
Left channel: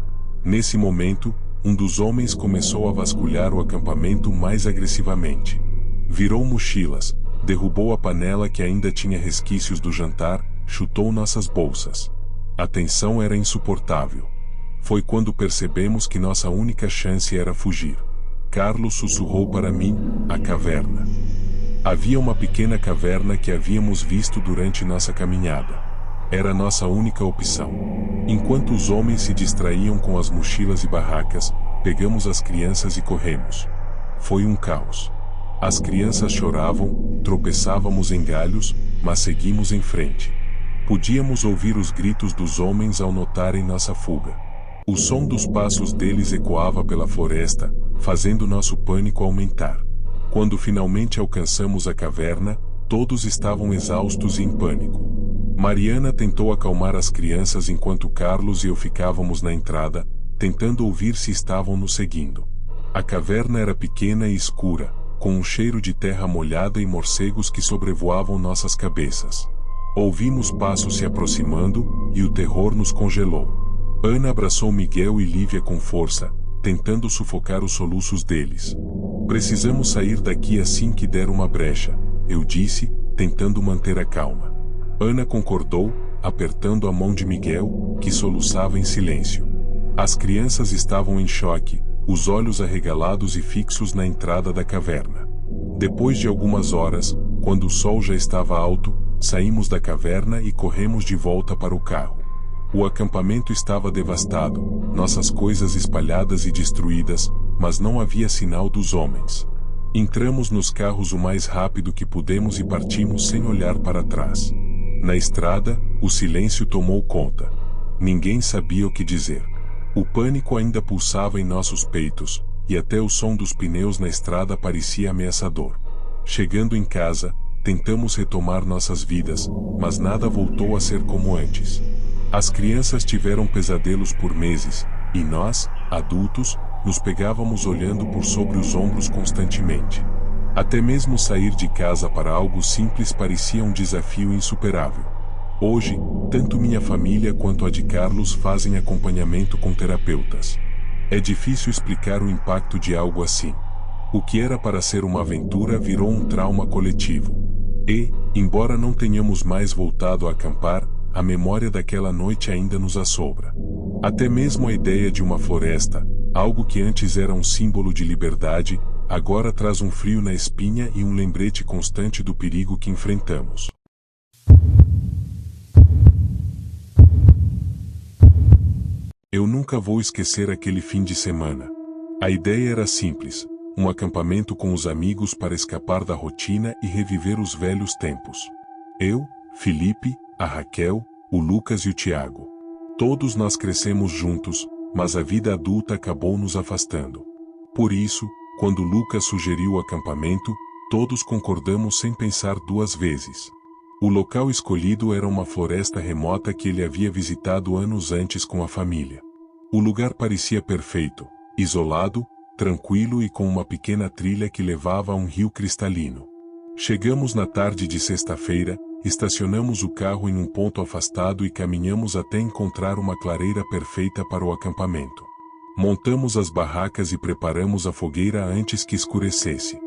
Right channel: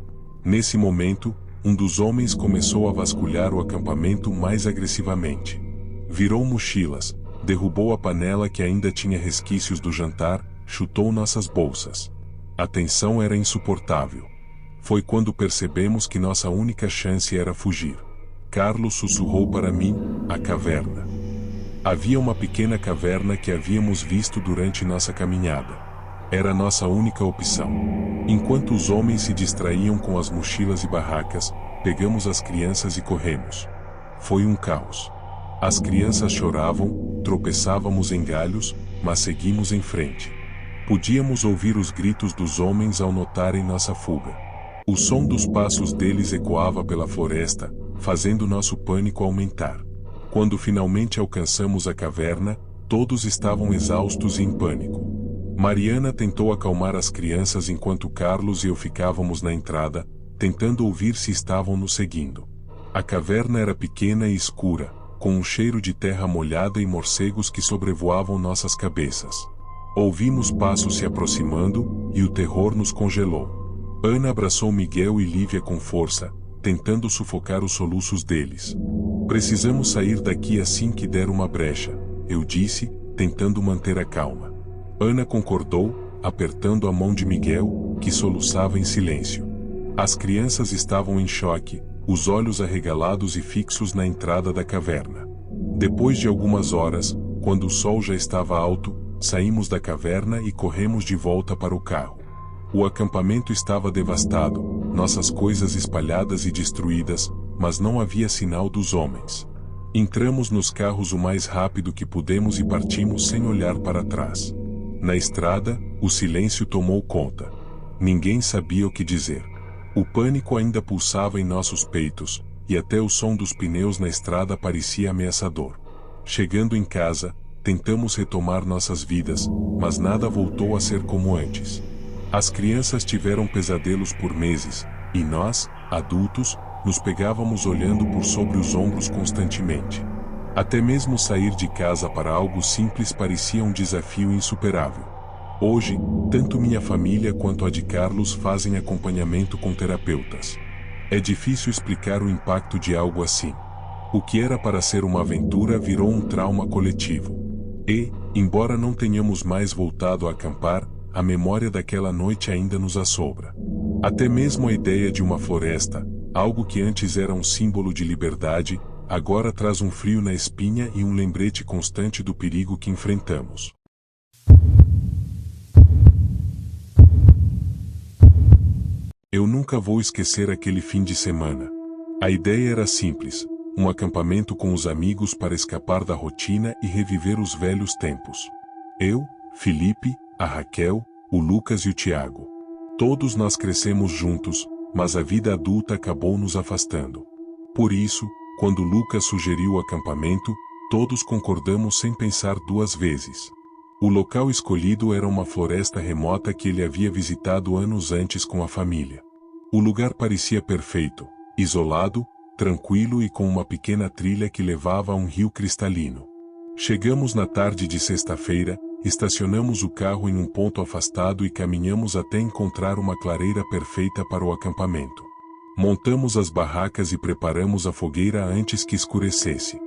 Nesse momento, um dos homens começou a vasculhar o acampamento mais agressivamente. Virou mochilas, derrubou a panela que ainda tinha resquícios do jantar, chutou nossas bolsas. A tensão era insuportável. Foi quando percebemos que nossa única chance era fugir. Carlos sussurrou para mim: "A caverna." Havia uma pequena caverna que havíamos visto durante nossa caminhada. Era nossa única opção. Enquanto os homens se distraíam com as mochilas e barracas, pegamos as crianças e corremos. Foi um caos. As crianças choravam, tropeçávamos em galhos, mas seguimos em frente. Podíamos ouvir os gritos dos homens ao notarem nossa fuga. O som dos passos deles ecoava pela floresta, fazendo nosso pânico aumentar. Quando finalmente alcançamos a caverna, todos estavam exaustos e em pânico. Mariana tentou acalmar as crianças enquanto Carlos e eu ficávamos na entrada, tentando ouvir se estavam nos seguindo. A caverna era pequena e escura, com um cheiro de terra molhada e morcegos que sobrevoavam nossas cabeças. Ouvimos passos se aproximando, e o terror nos congelou. Ana abraçou Miguel e Lívia com força, tentando sufocar os soluços deles. "Precisamos sair daqui assim que der uma brecha", eu disse, tentando manter a calma. Ana concordou, apertando a mão de Miguel, que soluçava em silêncio. As crianças estavam em choque, os olhos arregalados e fixos na entrada da caverna. Depois de algumas horas, quando o sol já estava alto, saímos da caverna e corremos de volta para o carro. O acampamento estava devastado, nossas coisas espalhadas e destruídas, mas não havia sinal dos homens. Entramos nos carros o mais rápido que pudemos e partimos sem olhar para trás. Na estrada, o silêncio tomou conta. Ninguém sabia o que dizer. O pânico ainda pulsava em nossos peitos, e até o som dos pneus na estrada parecia ameaçador. Chegando em casa, tentamos retomar nossas vidas, mas nada voltou a ser como antes. As crianças tiveram pesadelos por meses, e nós, adultos, nos pegávamos olhando por sobre os ombros constantemente. Até mesmo sair de casa para algo simples parecia um desafio insuperável. Hoje, tanto minha família quanto a de Carlos fazem acompanhamento com terapeutas. É difícil explicar o impacto de algo assim. O que era para ser uma aventura virou um trauma coletivo. E, embora não tenhamos mais voltado a acampar, a memória daquela noite ainda nos assombra. Até mesmo a ideia de uma floresta, algo que antes era um símbolo de liberdade, agora traz um frio na espinha e um lembrete constante do perigo que enfrentamos. Eu nunca vou esquecer aquele fim de semana. A ideia era simples, um acampamento com os amigos para escapar da rotina e reviver os velhos tempos. Eu, Felipe, a Raquel, o Lucas e o Tiago. Todos nós crescemos juntos, mas a vida adulta acabou nos afastando. Por isso, quando Lucas sugeriu o acampamento, todos concordamos sem pensar duas vezes. O local escolhido era uma floresta remota que ele havia visitado anos antes com a família. O lugar parecia perfeito, isolado, tranquilo e com uma pequena trilha que levava a um rio cristalino. Chegamos na tarde de sexta-feira, estacionamos o carro em um ponto afastado e caminhamos até encontrar uma clareira perfeita para o acampamento. Montamos as barracas e preparamos a fogueira antes que escurecesse.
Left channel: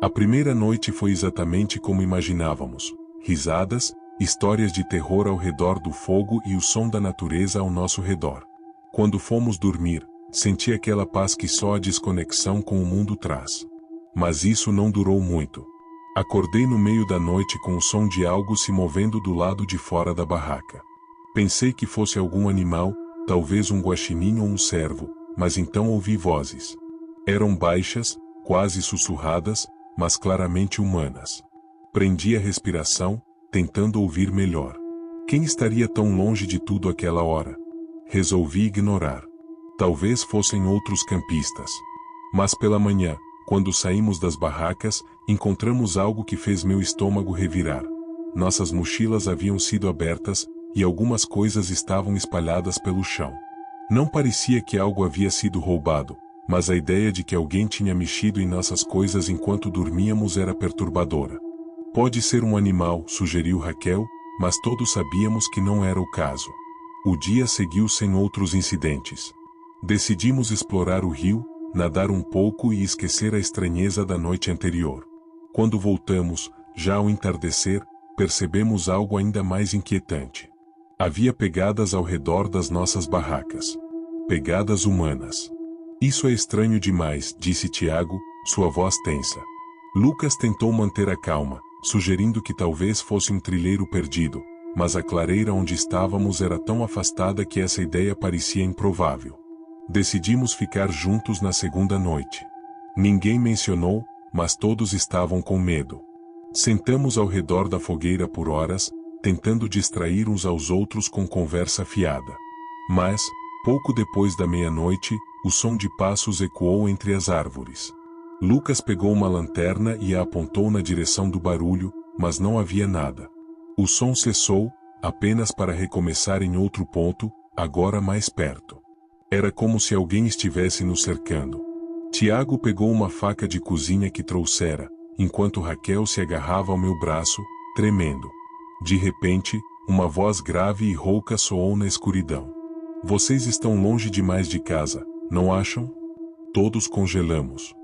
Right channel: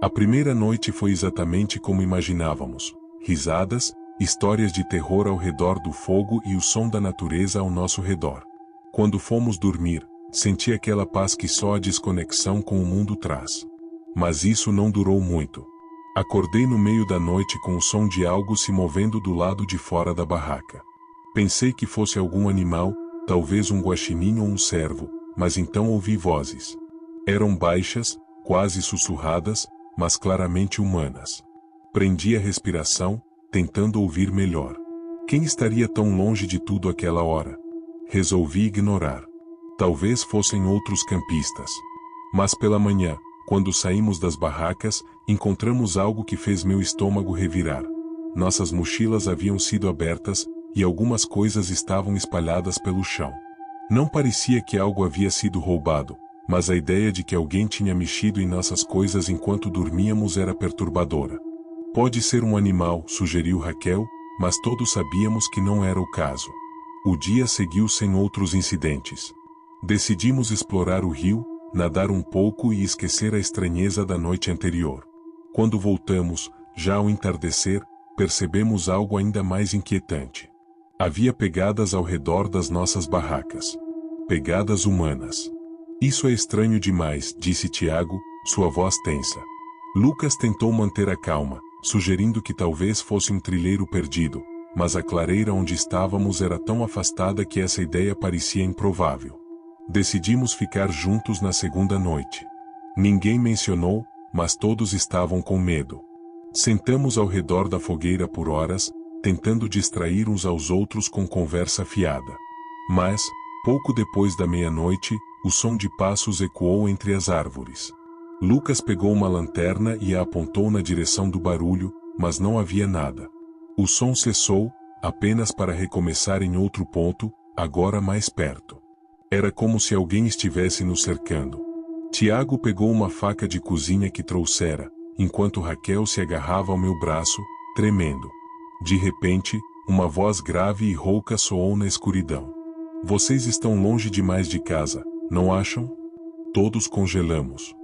A primeira noite foi exatamente como imaginávamos. Risadas, histórias de terror ao redor do fogo e o som da natureza ao nosso redor. Quando fomos dormir, senti aquela paz que só a desconexão com o mundo traz. Mas isso não durou muito. Acordei no meio da noite com o som de algo se movendo do lado de fora da barraca. Pensei que fosse algum animal, talvez um guaxinim ou um cervo, mas então ouvi vozes. Eram baixas, quase sussurradas, mas claramente humanas. Prendi a respiração, tentando ouvir melhor. Quem estaria tão longe de tudo aquela hora? Resolvi ignorar. Talvez fossem outros campistas. Mas pela manhã, quando saímos das barracas, encontramos algo que fez meu estômago revirar. Nossas mochilas haviam sido abertas, e algumas coisas estavam espalhadas pelo chão. Não parecia que algo havia sido roubado, mas a ideia de que alguém tinha mexido em nossas coisas enquanto dormíamos era perturbadora. Pode ser um animal, sugeriu Raquel, mas todos sabíamos que não era o caso. O dia seguiu sem outros incidentes. Decidimos explorar o rio, nadar um pouco e esquecer a estranheza da noite anterior. Quando voltamos, já ao entardecer, percebemos algo ainda mais inquietante. Havia pegadas ao redor das nossas barracas. Pegadas humanas. Isso é estranho demais, disse Tiago, sua voz tensa. Lucas tentou manter a calma, sugerindo que talvez fosse um trilheiro perdido, mas a clareira onde estávamos era tão afastada que essa ideia parecia improvável. Decidimos ficar juntos na segunda noite. Ninguém mencionou, mas todos estavam com medo. Sentamos ao redor da fogueira por horas, tentando distrair uns aos outros com conversa fiada. Mas, pouco depois da meia-noite, o som de passos ecoou entre as árvores. Lucas pegou uma lanterna e a apontou na direção do barulho, mas não havia nada. O som cessou, apenas para recomeçar em outro ponto, agora mais perto. Era como se alguém estivesse nos cercando. Tiago pegou uma faca de cozinha que trouxera, enquanto Raquel se agarrava ao meu braço, tremendo. De repente, uma voz grave e rouca soou na escuridão. Vocês estão longe demais de casa, não acham? Todos congelamos.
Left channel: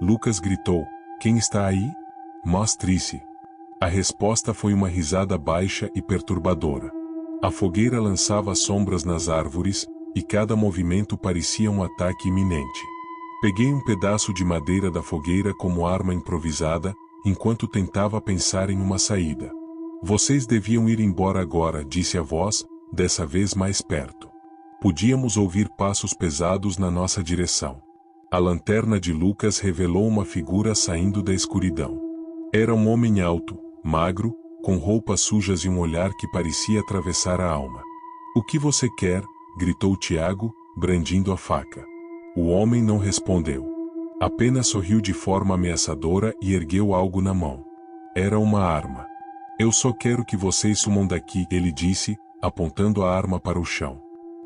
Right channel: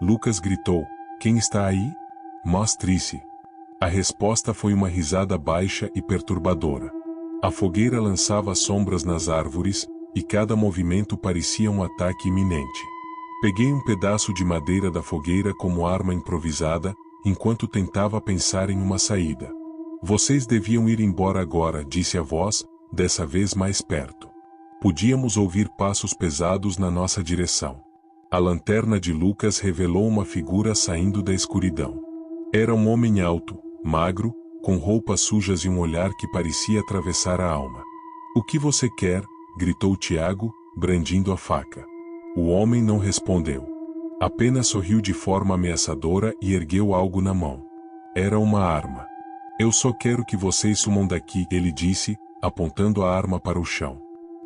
Lucas gritou, quem está aí? Mostre-se. A resposta foi uma risada baixa e perturbadora. A fogueira lançava sombras nas árvores, e cada movimento parecia um ataque iminente. Peguei um pedaço de madeira da fogueira como arma improvisada, enquanto tentava pensar em uma saída. Vocês deviam ir embora agora, disse a voz, dessa vez mais perto. Podíamos ouvir passos pesados na nossa direção. A lanterna de Lucas revelou uma figura saindo da escuridão. Era um homem alto, magro, com roupas sujas e um olhar que parecia atravessar a alma. O que você quer? Gritou Tiago, brandindo a faca. O homem não respondeu. Apenas sorriu de forma ameaçadora e ergueu algo na mão. Era uma arma. Eu só quero que vocês sumam daqui, ele disse, apontando a arma para o chão.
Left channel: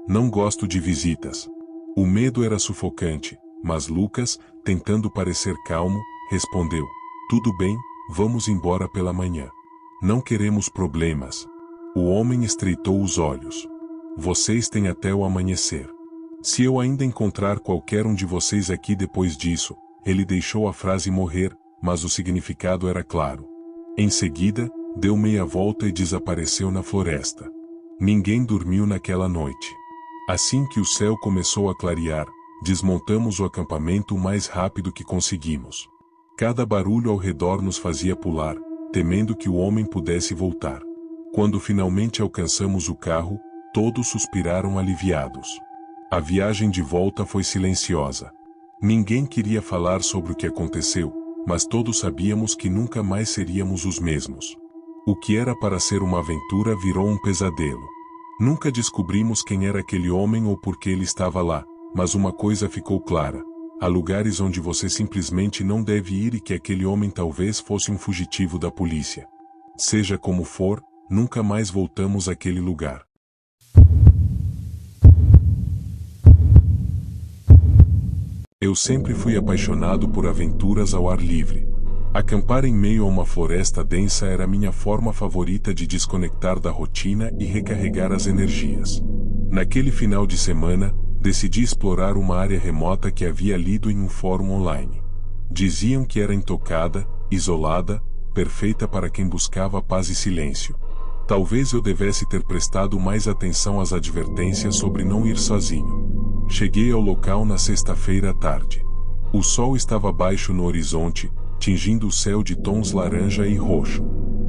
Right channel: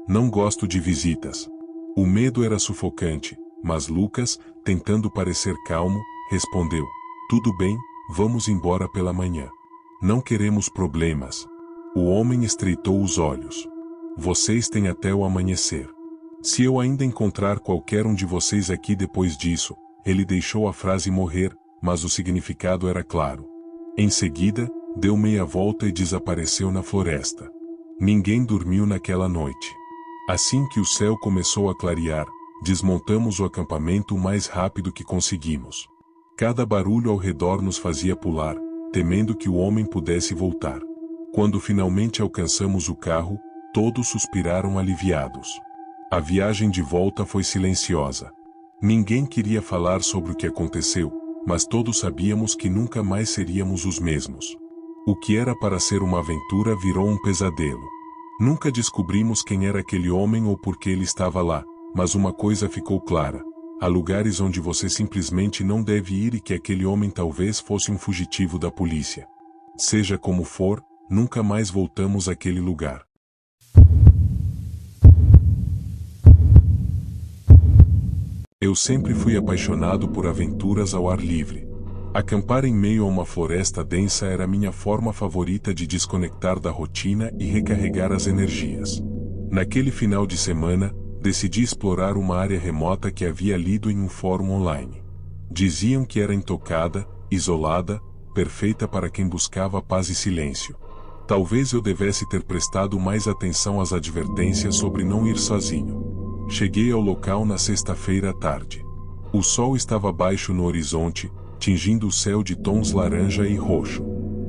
Não gosto de visitas. O medo era sufocante, mas Lucas, tentando parecer calmo, respondeu. Tudo bem, vamos embora pela manhã. Não queremos problemas. O homem estreitou os olhos. Vocês têm até o amanhecer. Se eu ainda encontrar qualquer um de vocês aqui depois disso, ele deixou a frase morrer, mas o significado era claro. Em seguida, deu meia volta e desapareceu na floresta. Ninguém dormiu naquela noite. Assim que o céu começou a clarear, desmontamos o acampamento o mais rápido que conseguimos. Cada barulho ao redor nos fazia pular, temendo que o homem pudesse voltar. Quando finalmente alcançamos o carro, todos suspiraram aliviados. A viagem de volta foi silenciosa. Ninguém queria falar sobre o que aconteceu, mas todos sabíamos que nunca mais seríamos os mesmos. O que era para ser uma aventura virou um pesadelo. Nunca descobrimos quem era aquele homem ou por que ele estava lá, mas uma coisa ficou clara: há lugares onde você simplesmente não deve ir e que aquele homem talvez fosse um fugitivo da polícia. Seja como for, nunca mais voltamos àquele lugar. Eu sempre fui apaixonado por aventuras ao ar livre. Acampar em meio a uma floresta densa era minha forma favorita de desconectar da rotina e recarregar as energias. Naquele final de semana, decidi explorar uma área remota que havia lido em um fórum online. Diziam que era intocada, isolada, perfeita para quem buscava paz e silêncio. Talvez eu devesse ter prestado mais atenção às advertências sobre não ir sozinho. Cheguei ao local na sexta-feira à tarde. O sol estava baixo no horizonte, tingindo o céu de tons laranja e roxo.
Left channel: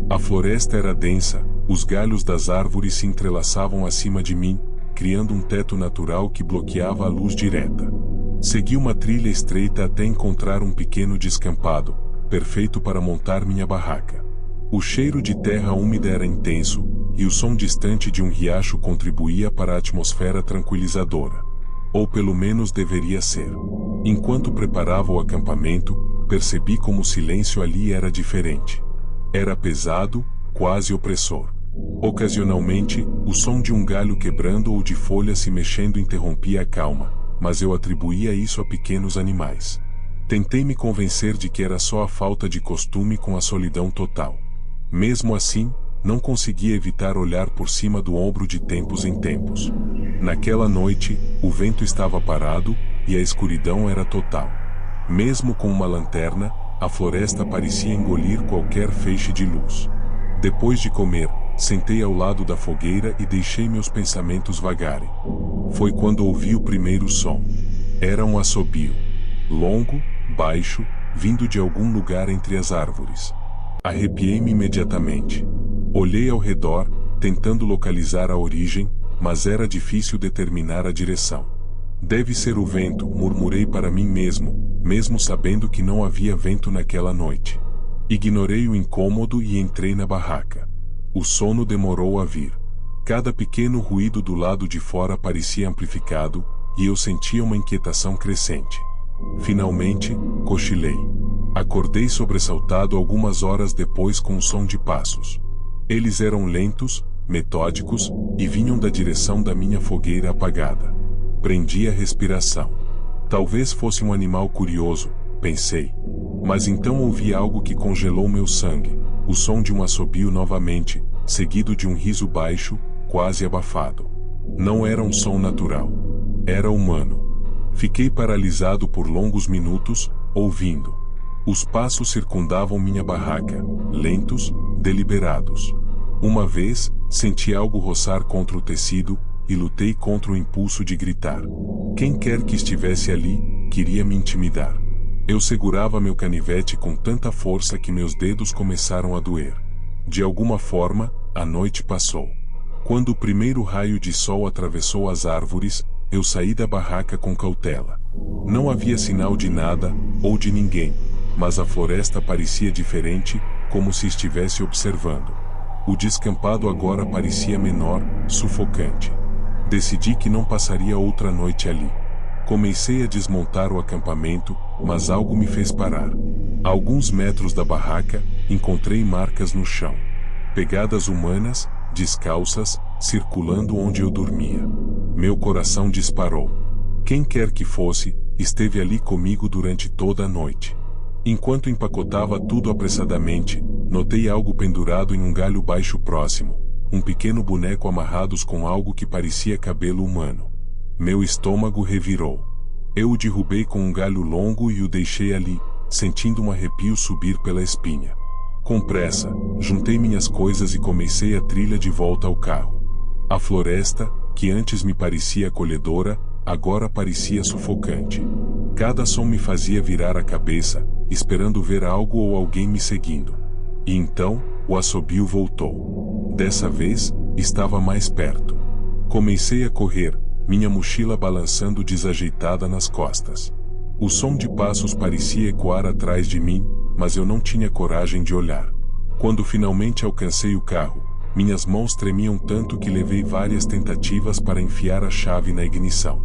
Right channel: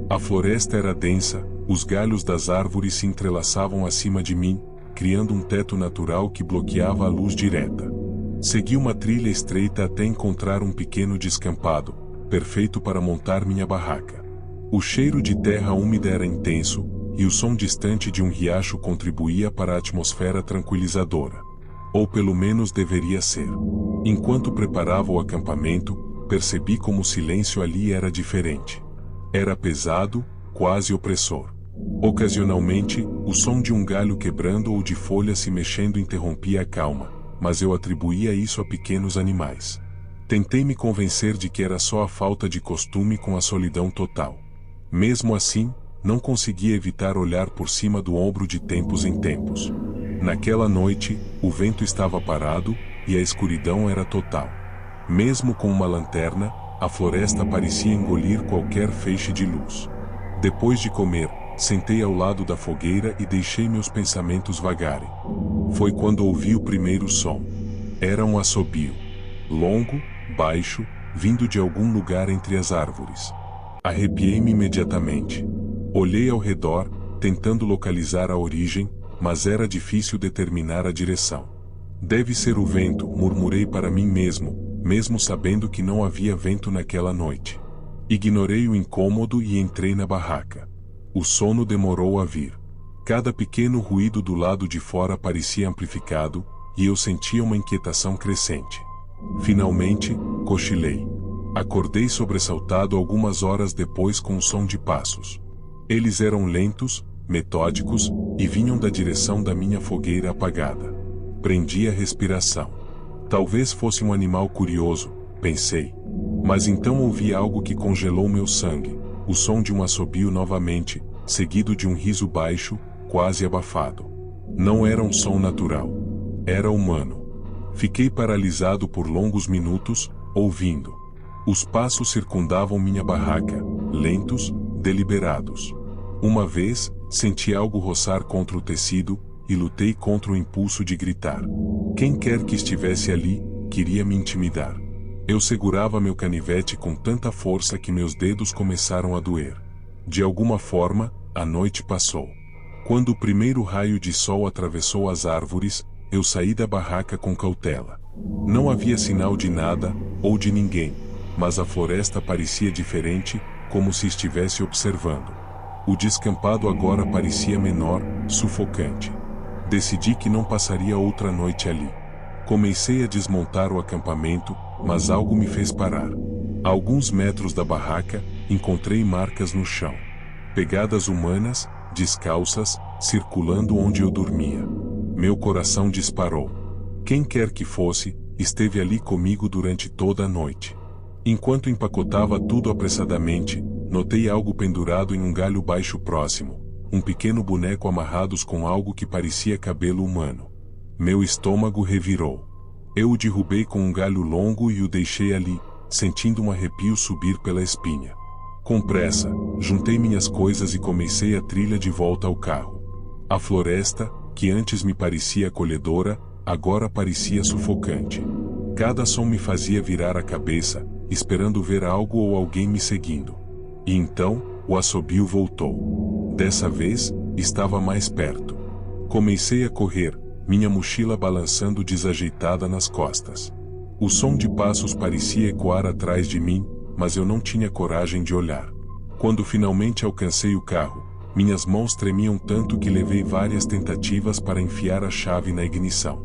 A floresta era densa, os galhos das árvores se entrelaçavam acima de mim, criando um teto natural que bloqueava a luz direta. Segui uma trilha estreita até encontrar um pequeno descampado, perfeito para montar minha barraca. O cheiro de terra úmida era intenso, e o som distante de um riacho contribuía para a atmosfera tranquilizadora. Ou pelo menos deveria ser. Enquanto preparava o acampamento, percebi como o silêncio ali era diferente. Era pesado, quase opressor. Ocasionalmente, o som de um galho quebrando ou de folhas se mexendo interrompia a calma, mas eu atribuía isso a pequenos animais. Tentei me convencer de que era só a falta de costume com a solidão total. Mesmo assim, não conseguia evitar olhar por cima do ombro de tempos em tempos. Naquela noite, o vento estava parado, e a escuridão era total. Mesmo com uma lanterna, a floresta parecia engolir qualquer feixe de luz. Depois de comer, sentei ao lado da fogueira e deixei meus pensamentos vagarem. Foi quando ouvi o primeiro som. Era um assobio. Longo, baixo, vindo de algum lugar entre as árvores. Arrepiei-me imediatamente. Olhei ao redor, tentando localizar a origem, mas era difícil determinar a direção. Deve ser o vento, murmurei para mim mesmo, mesmo sabendo que não havia vento naquela noite. Ignorei o incômodo e entrei na barraca. O sono demorou a vir. Cada pequeno ruído do lado de fora parecia amplificado, e eu sentia uma inquietação crescente. Finalmente, cochilei. Acordei sobressaltado algumas horas depois com o som de passos. Eles eram lentos, metódicos, e vinham da direção da minha fogueira apagada. Prendi a respiração. Talvez fosse um animal curioso, pensei. Mas então ouvi algo que congelou meu sangue, o som de um assobio novamente, seguido de um riso baixo, quase abafado. Não era um som natural. Era humano. Fiquei paralisado por longos minutos, ouvindo. Os passos circundavam minha barraca, lentos, deliberados. Uma vez, senti algo roçar contra o tecido, e lutei contra o impulso de gritar. Quem quer que estivesse ali, queria me intimidar. Eu segurava meu canivete com tanta força que meus dedos começaram a doer. De alguma forma, a noite passou. Quando o primeiro raio de sol atravessou as árvores, eu saí da barraca com cautela. Não havia sinal de nada, ou de ninguém, mas a floresta parecia diferente, como se estivesse observando. O descampado agora parecia menor, sufocante. Decidi que não passaria outra noite ali. Comecei a desmontar o acampamento, mas algo me fez parar. A alguns metros da barraca, encontrei marcas no chão. Pegadas humanas, descalças, circulando onde eu dormia. Meu coração disparou. Quem quer que fosse, esteve ali comigo durante toda a noite. Enquanto empacotava tudo apressadamente, notei algo pendurado em um galho baixo próximo, um pequeno boneco amarrados com algo que parecia cabelo humano. Meu estômago revirou. Eu o derrubei com um galho longo e o deixei ali, sentindo um arrepio subir pela espinha. Com pressa, juntei minhas coisas e comecei a trilha de volta ao carro. A floresta, que antes me parecia acolhedora, agora parecia sufocante. Cada som me fazia virar a cabeça, esperando ver algo ou alguém me seguindo. E então, o assobio voltou. Dessa vez, estava mais perto. Comecei a correr, minha mochila balançando desajeitada nas costas. O som de passos parecia ecoar atrás de mim, mas eu não tinha coragem de olhar. Quando finalmente alcancei o carro, minhas mãos tremiam tanto que levei várias tentativas para enfiar a chave na ignição.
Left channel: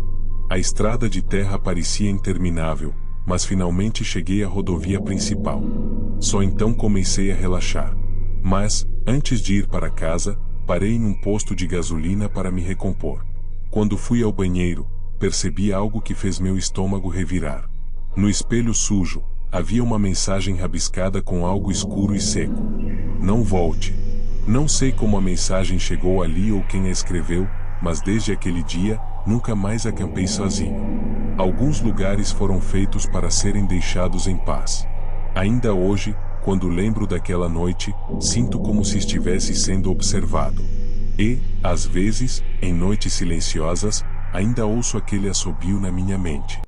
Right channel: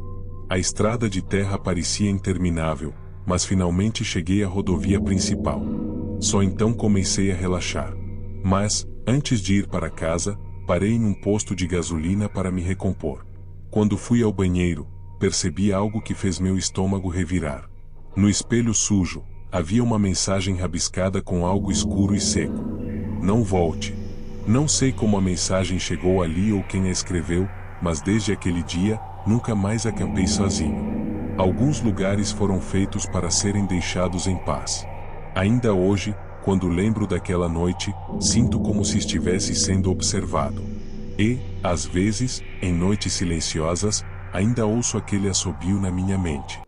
A estrada de terra parecia interminável, mas finalmente cheguei à rodovia principal. Só então comecei a relaxar. Mas, antes de ir para casa, parei num posto de gasolina para me recompor. Quando fui ao banheiro, percebi algo que fez meu estômago revirar. No espelho sujo, havia uma mensagem rabiscada com algo escuro e seco. Não volte. Não sei como a mensagem chegou ali ou quem a escreveu, mas desde aquele dia, nunca mais acampei sozinho. Alguns lugares foram feitos para serem deixados em paz. Ainda hoje, quando lembro daquela noite, sinto como se estivesse sendo observado. E, às vezes, em noites silenciosas, ainda ouço aquele assobio na minha mente.